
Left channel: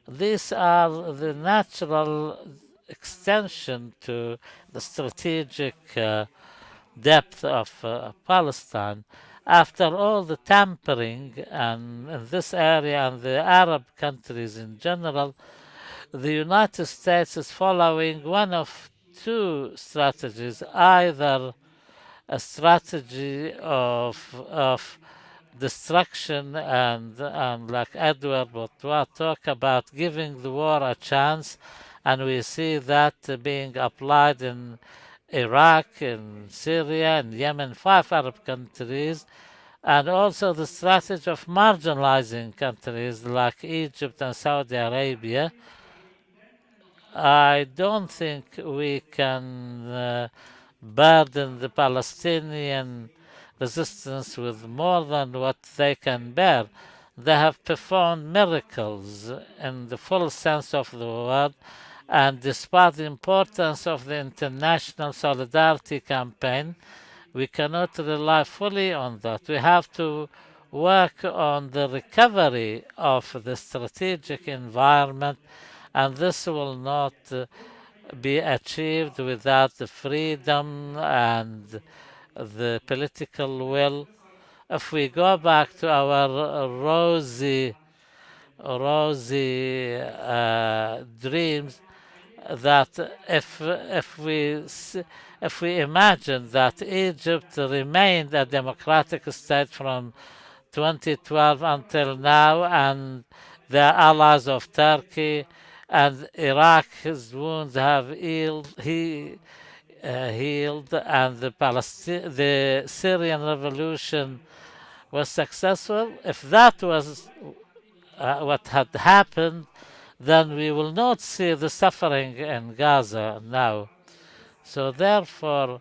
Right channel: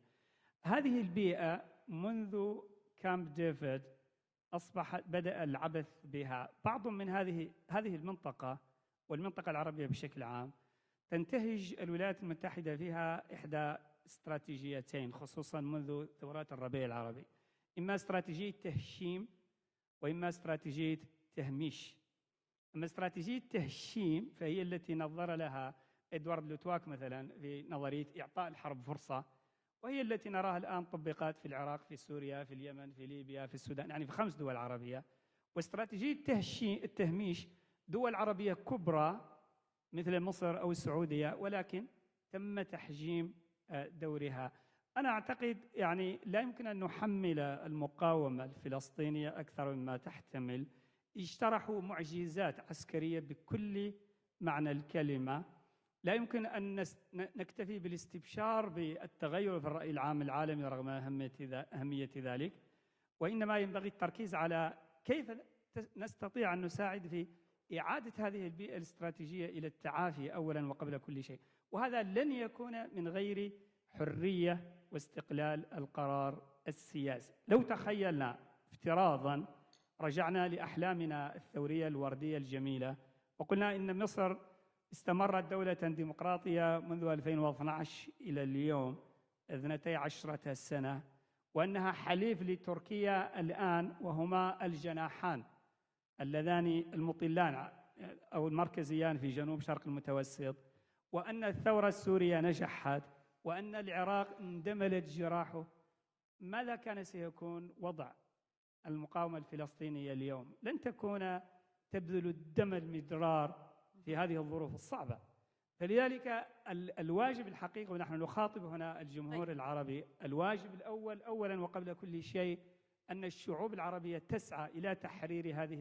These are the natural extension to the strategic depth of Palestine. After all the tampering and in this area and the Arab countries in general, the United States is following one of two strategies: either a strategy of destruction and like Edward Bourtois talk about giving the war a chance, and we see that being applied in Iraq, in Syria, in Yemen, 5 Arab countries, and also the strategy of marginalizing countries like Egypt and Saudi Arabia. I don't think we can burden the Palestinian resistance with more than what they can bear. They have performed miracles in the full sense of the word, and despite the importance of the international solidarity campaign, we cannot rely fully on that. We have to work on the recovery of the strategic environment, and this will not be achieved without the freedom and the political will. If we go back to our rosy rosy dreams that if we imagine that Egypt remained a democratic state from 2012 until now, and the allies of Turkey and Iraq's wounds have healed, and the Syrian revolution was successful. If that was what had happened, then we will not see the suffering in Gaza now. So therefore,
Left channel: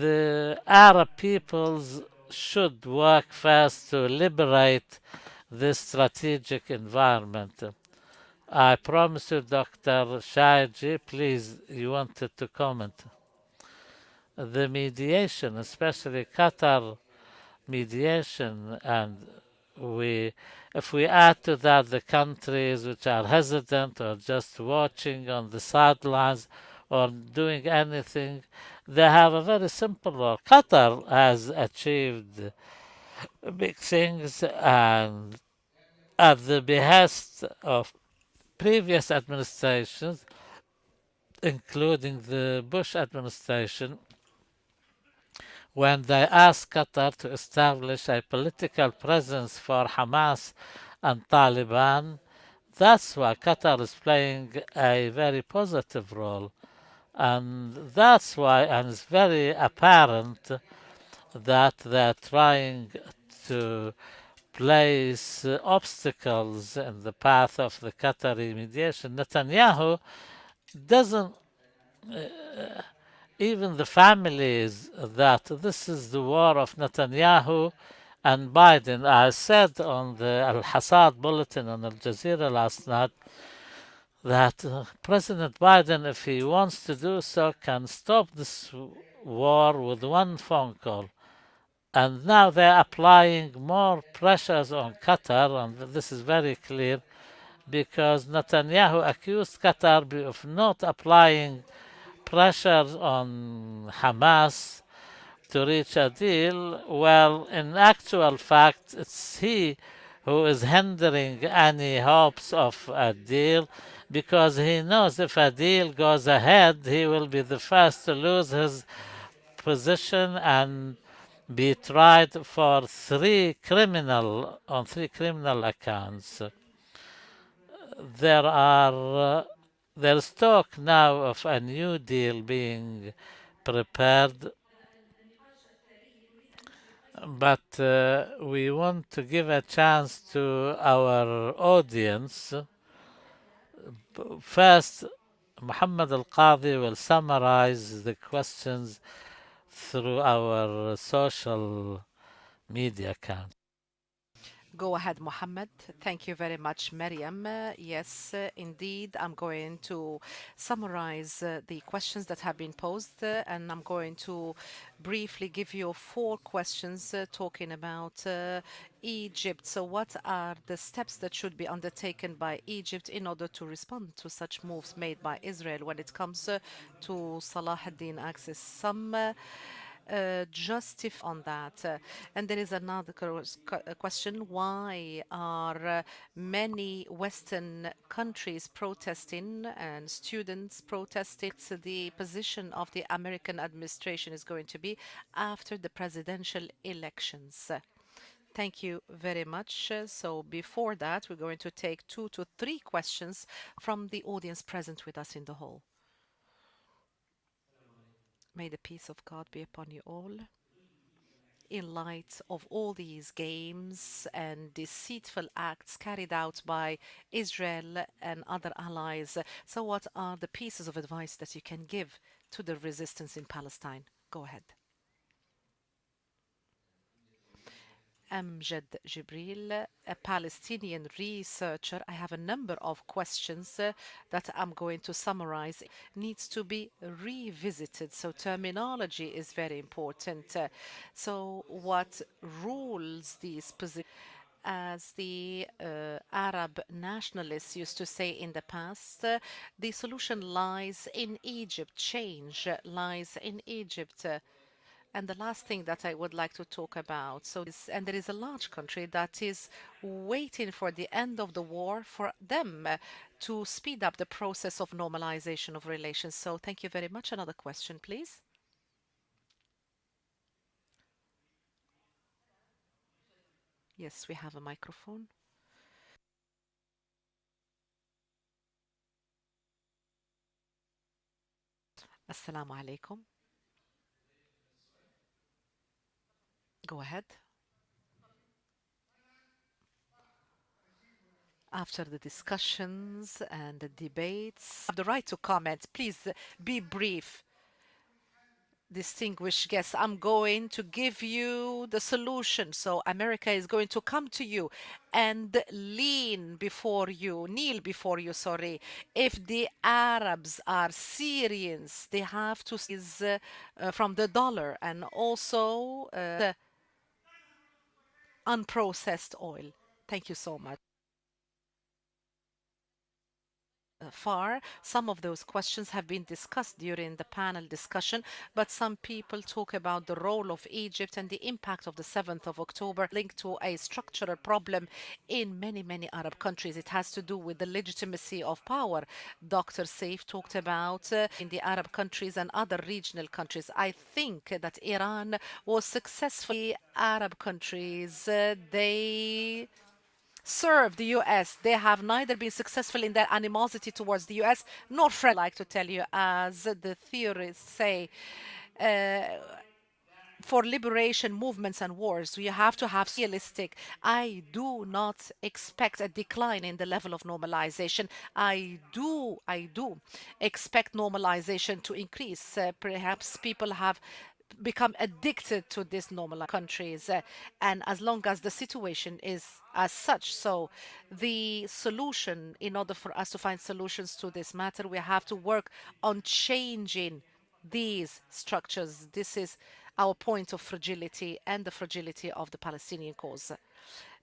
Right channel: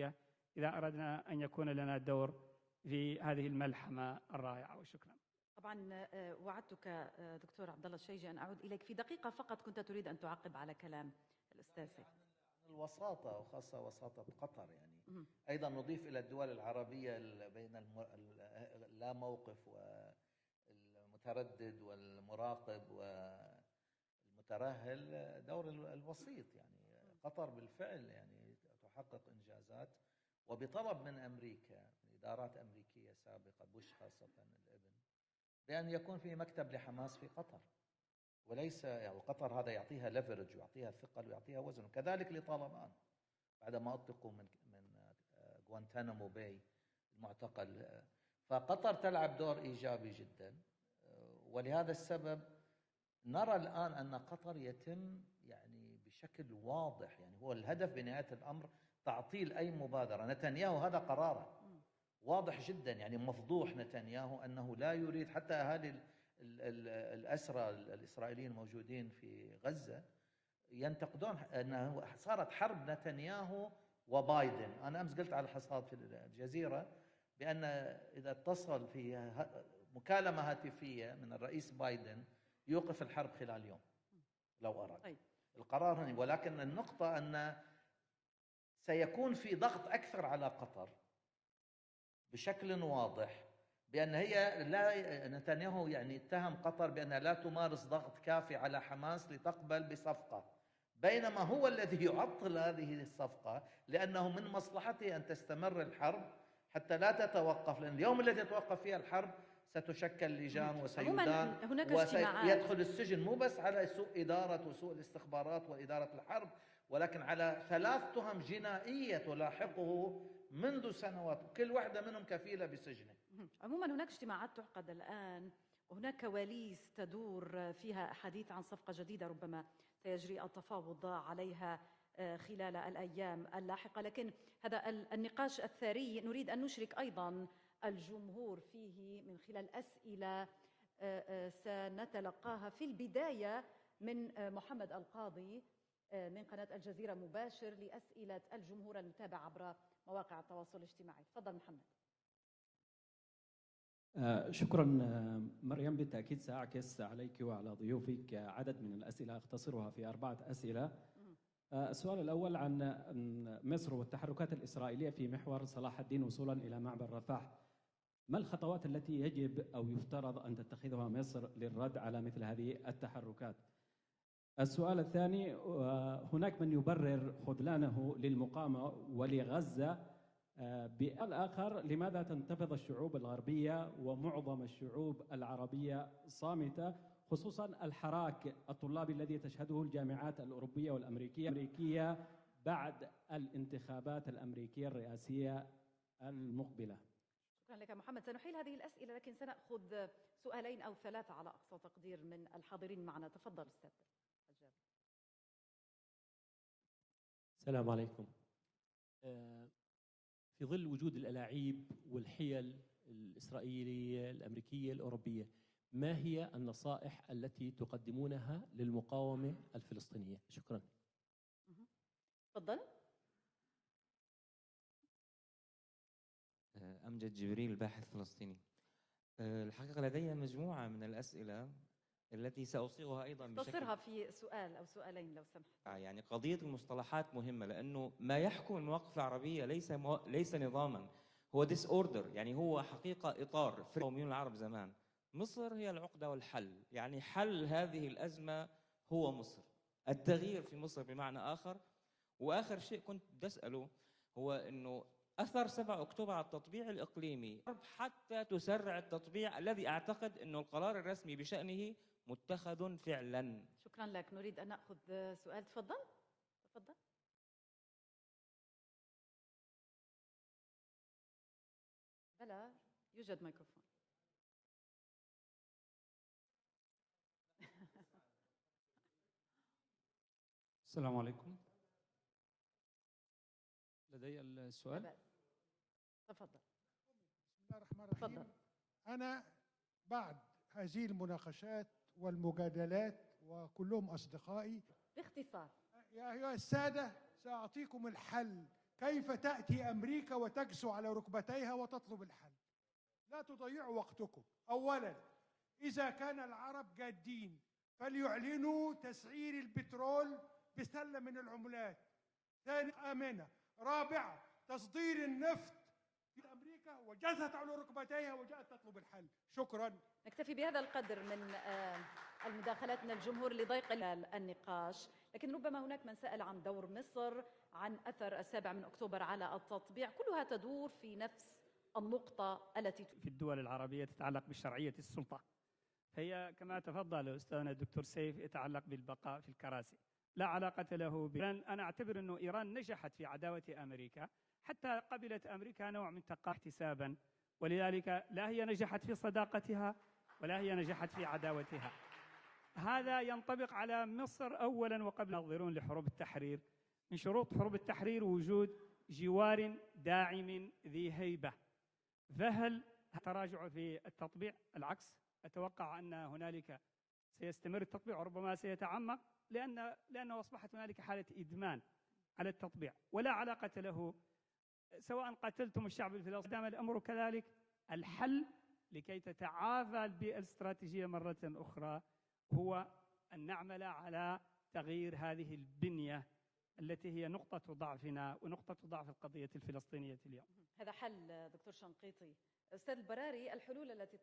the Arab peoples should work first to liberate this strategic environment. I promise you, Dr. Shaiji, please, you wanted to comment. The mediation, especially Qatar mediation, and if we add to that the countries which are hesitant or just watching on the sidelines or doing anything, they have a very simple role. Qatar has achieved big things, and at the behest of previous administrations, including the Bush administration, when they asked Qatar to establish a political presence for Hamas and Taliban, that's why Qatar is playing a very positive role. And that's why, and it's very apparent that they're trying to place obstacles in the path of the Qatari mediation. Netanyahu doesn't, even the families, that this is the war of Netanyahu and Biden. I said on the Al Hasad bulletin on Al Jazeera last night that President Biden, if he wants to do so, can stop this war with one phone call. And now they're applying more pressures on Qatar, and this is very clear, because Netanyahu accused Qatar of not applying pressures on Hamas to reach a deal. Well, in actual fact, it's he who is hindering any hopes of a deal, because he knows if a deal goes ahead, he will be the first to lose his position and be tried for three criminal accounts. There's talk now of a new deal being prepared, but we want to give a chance to our audience. First, Muhammad Al-Qadi will summarize the questions through our social media account. Go ahead, Mohammed. Thank you very much, Maryam. Yes, indeed, I'm going to summarize the questions that have been posed, and I'm going to briefly give you four questions talking about Egypt. So what are the steps that should be undertaken by Egypt in order to respond to such moves made by Israel when it comes to Salah ad-Din access? Some justify on that. And there is another question: why are many Western countries protesting and students protesting? So the position of the American administration is going to be after the presidential elections. Thank you very much. So before that, we're going to take 2 to 3 questions from the audience present with us in the hall. May the peace of God be upon you all. In light of all these games and deceitful acts carried out by Israel and other allies, so what are the pieces of advice that you can give to the resistance in Palestine? Go ahead. Amjad Jibril, a Palestinian researcher. I have a number of questions that I'm going to summarize. Needs to be revisited. So terminology is very important. So what rules these positions? As the Arab nationalists used to say in the past, the solution lies in Egypt. Change lies in Egypt. And the last thing that I would like to talk talk about. So this, and there is a large country that is waiting for the end of the war for them to speed up the process of normalization of relations. So thank you very much. Another question, please. Yes, we have a microphone. السلام عليكم. Assalamu alaikum. لدي السؤال. Go ahead. تفضل. After the discussions and the debates, have the right to comment. Please be brief. Distinguished guests, I'm going to give you the solution. So America is going to come to you and kneel before you, sorry. If the Arabs are Syrians, they have to seize from the dollar and also the unprocessed oil. Thank you so much. Far, some of those questions have been discussed during the panel discussion, but some people talk about the role of Egypt and the impact of the 7th of October linked to a structural problem in many Arab countries. It has to do with the legitimacy of power. Dr. Saif talked about in the Arab countries and other regional countries. I think that Iran was successfully Arab countries. They serve the US. They have neither been successful in their animosity towards the US nor friendly, like to tell you, as the theorists say. For liberation movements and wars, you have to have realistic. I do not expect a decline in the level of normalization. I do expect normalization to increase. Perhaps people have become addicted to these normal countries, and as long as the situation is as such, so the solution, in order for us to find solutions to this matter, we have to work on changing these structures. This is our point of fragility and the fragility of the Palestinian cause.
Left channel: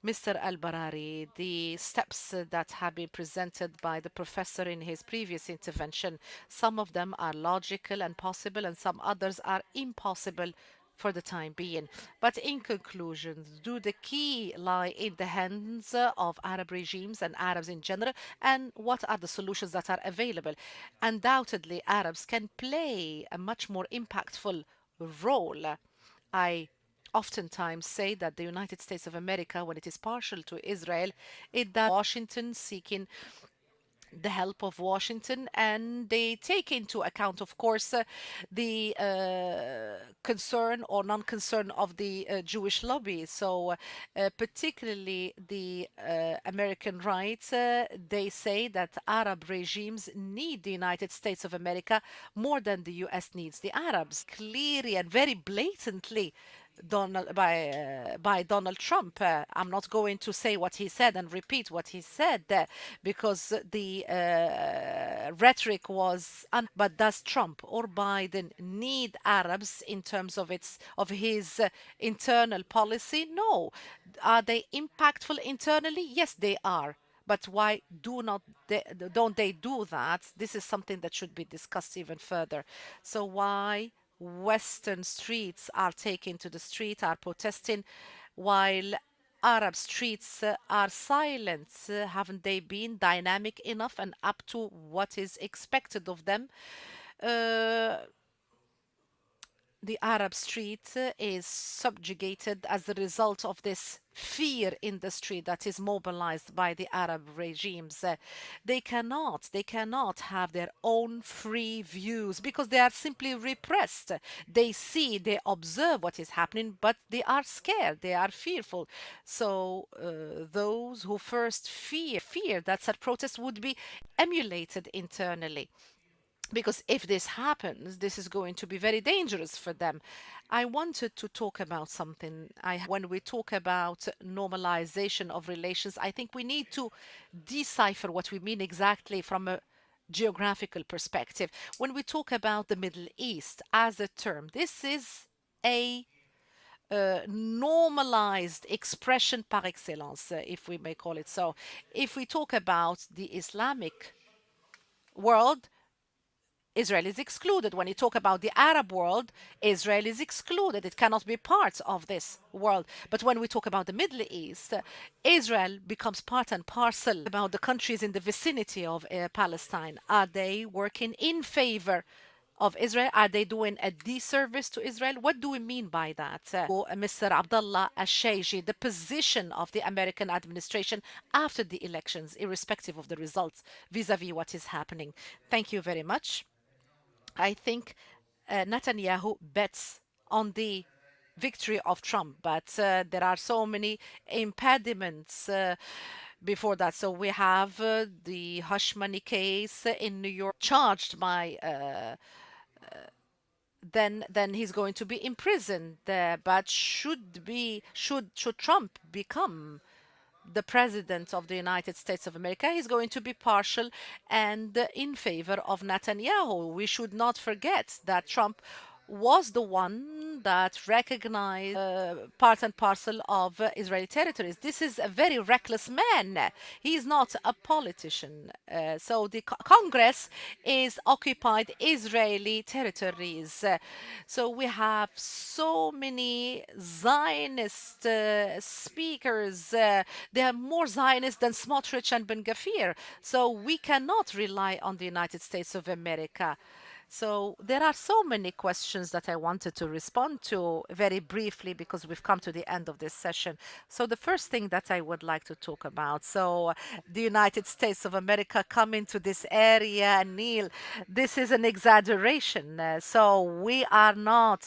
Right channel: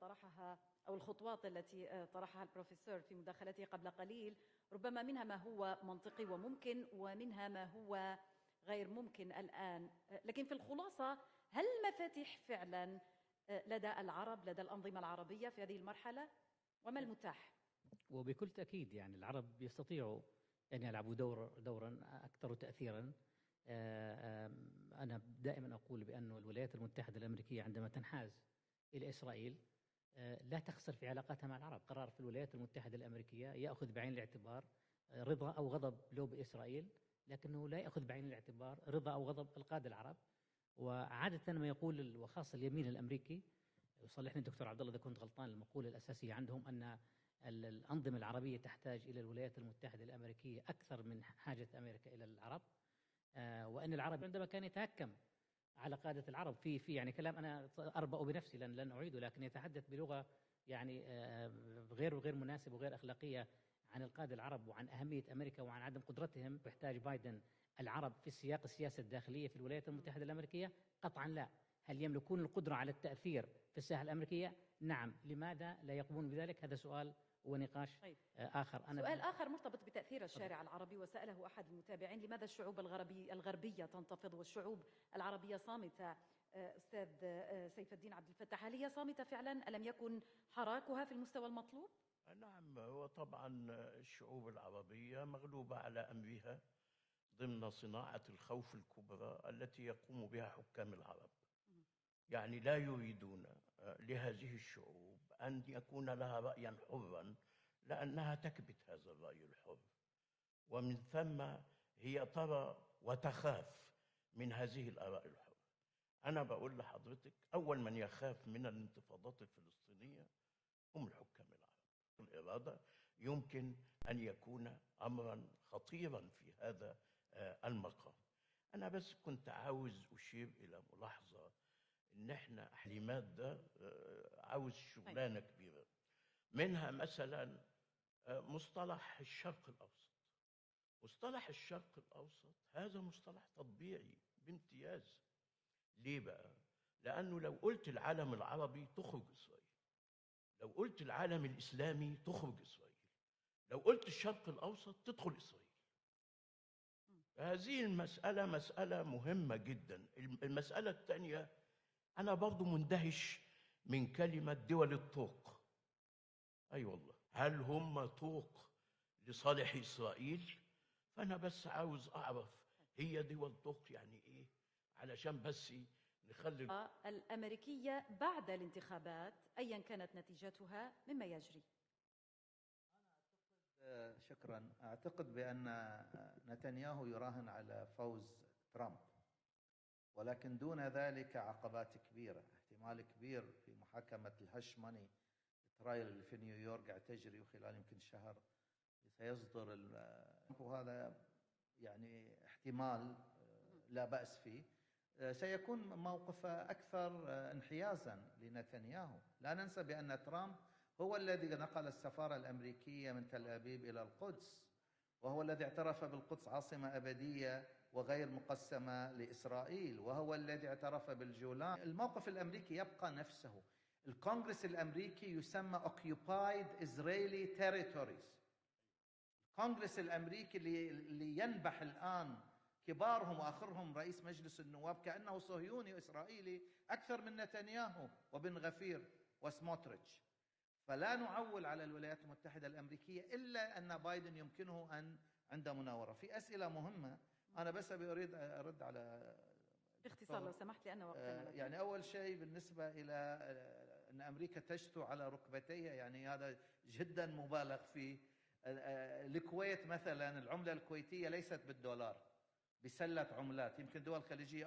Mr. Al-Barari, the steps that have been presented by the professor in his previous intervention, some of them are logical and possible, and some others are impossible for the time being. But in conclusion, do the key lie in the hands of Arab regimes and Arabs in general, and what are the solutions that are available? Undoubtedly, Arabs can play a much more impactful role. I oftentimes say that the United States of America, when it is partial to Israel, it does Washington seeking the help of Washington, and they take into account, of course, the concern or non-concern of the Jewish lobby. So particularly the American right, they say that Arab regimes need the United States of America more than the US needs the Arabs. Clearly and very blatantly by Donald Trump. I'm not going to say what he said and repeat what he said because the rhetoric was, but does Trump or Biden need Arabs in terms of his internal policy? No. Are they impactful internally? Yes, they are. But why don't they do that? This is something that should be discussed even further. So why Western streets are taken to the street, are protesting, while Arab streets are silent? Haven't they been dynamic enough and up to what is expected of them? The Arab street is subjugated as a result of this fear industry that is mobilized by the Arab regimes. They cannot have their own free views because they are simply repressed. They see, they observe what is happening, but they are scared, they are fearful. So those who first fear that such protests would be emulated internally. Because if this happens, this is going to be very dangerous for them. I wanted to talk about something. When we talk about normalization of relations, I think we need to decipher what we mean exactly from a geographical perspective. When we talk about the Middle East as a term, this is a normalized expression par excellence, if we may call it so. If we talk about the Islamic world, Israel is excluded. هذه When you talk about المسألة the Arab مسألة world, مهمة Israel جدا. is excluded. المسألة It cannot be الثانية part of أنا this برضو world. But when مندهش we talk about the من Middle كلمة East, دول الطرق. Israel becomes part and طيب parcel about the هل countries هم in the طرق vicinity of لصالح Palestine. Are إسرائيل؟ they working أنا in بس favor عاوز أعرف of Israel? هي Are they دول doing الطرق a يعني disservice to Israel? علشان What do we بس mean by that? نخلي Mr. Abdullah Al-Shaiji, the الانتخابات position of أي the حال American نتيجتها administration مما after يلي. the elections, irrespective of the results, vis-à-vis what is happening. Thank you very much. I think Netanyahu bets on the victory of Trump, but there are so many impediments before that. So we have the hush money case in New York, charged by then he's going to be imprisoned. But should Trump become the president of the United States of America, he's going to be partial and in favor of Netanyahu. We should not forget that Trump was the one that recognized part and parcel of Israeli territories. This is a very reckless man. He is not a politician. So the Congress is occupied Israeli territories. So we have so many Zionist speakers. They are more Zionist than Smotrich and Ben Gvir. So we cannot rely on the United States of America. So there are so many questions that I wanted to respond to very briefly because we've come to the end of this session. So the first thing that I would like to talk about, so the United States of America coming to this area, Neil, this is an exaggeration. So we are not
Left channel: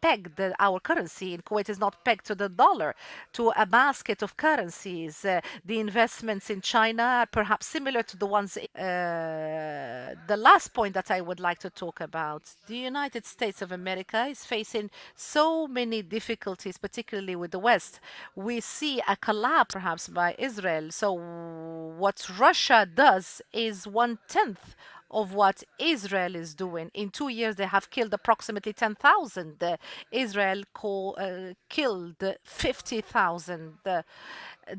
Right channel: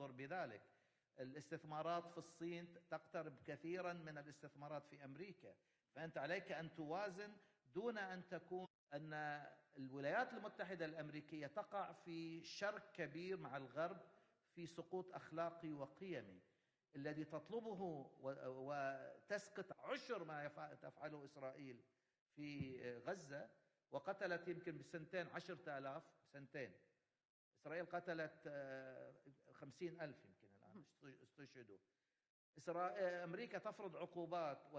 pegged, our currency in Kuwait is not pegged to the dollar, to a basket of currencies. The investments in China are perhaps similar to the ones. The last point that I would like to talk about, the United States of America is facing so many difficulties, particularly with the West. We see a collapse perhaps by Israel. So what Russia does is 1/10 of what Israel is doing. In 2 years, they have killed approximately 10,000. Israel killed 50,000.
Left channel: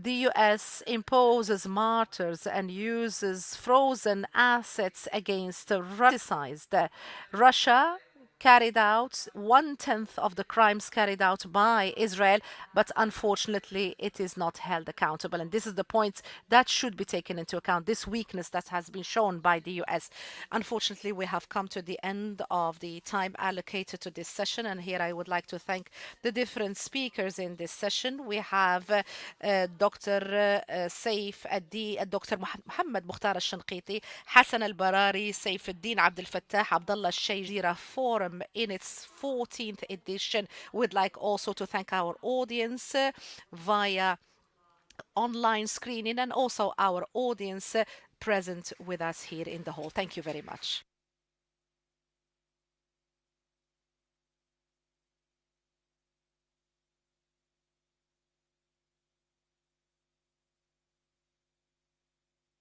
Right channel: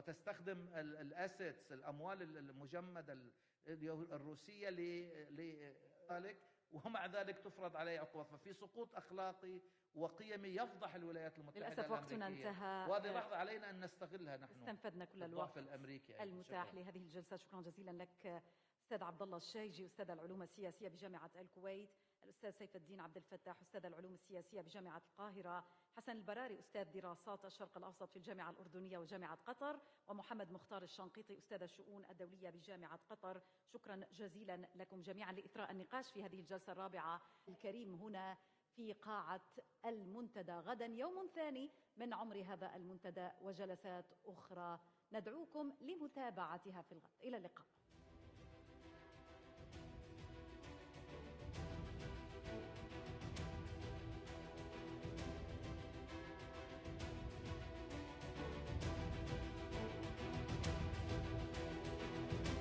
The US imposes martyrs and uses frozen assets against Russia carried out 1/10 of the crimes carried out by Israel, but unfortunately it is not held accountable. And this is the point that should be taken into account, this weakness that has been shown by the US. Unfortunately, we have come to the end of the time allocated to this session, and here I would like to thank the different speakers in this session. We have Dr. Saif Addi, Dr. Mohammed Mukhtar al-Shanqiti, Hassan al-Barari, Saif Ad-Din Abdel Fattah, Abdullah Shayjira Forum in its 14th edition. We'd like also to thank our audience via online screening and also our audience present with us here in the hall. Thank you very much.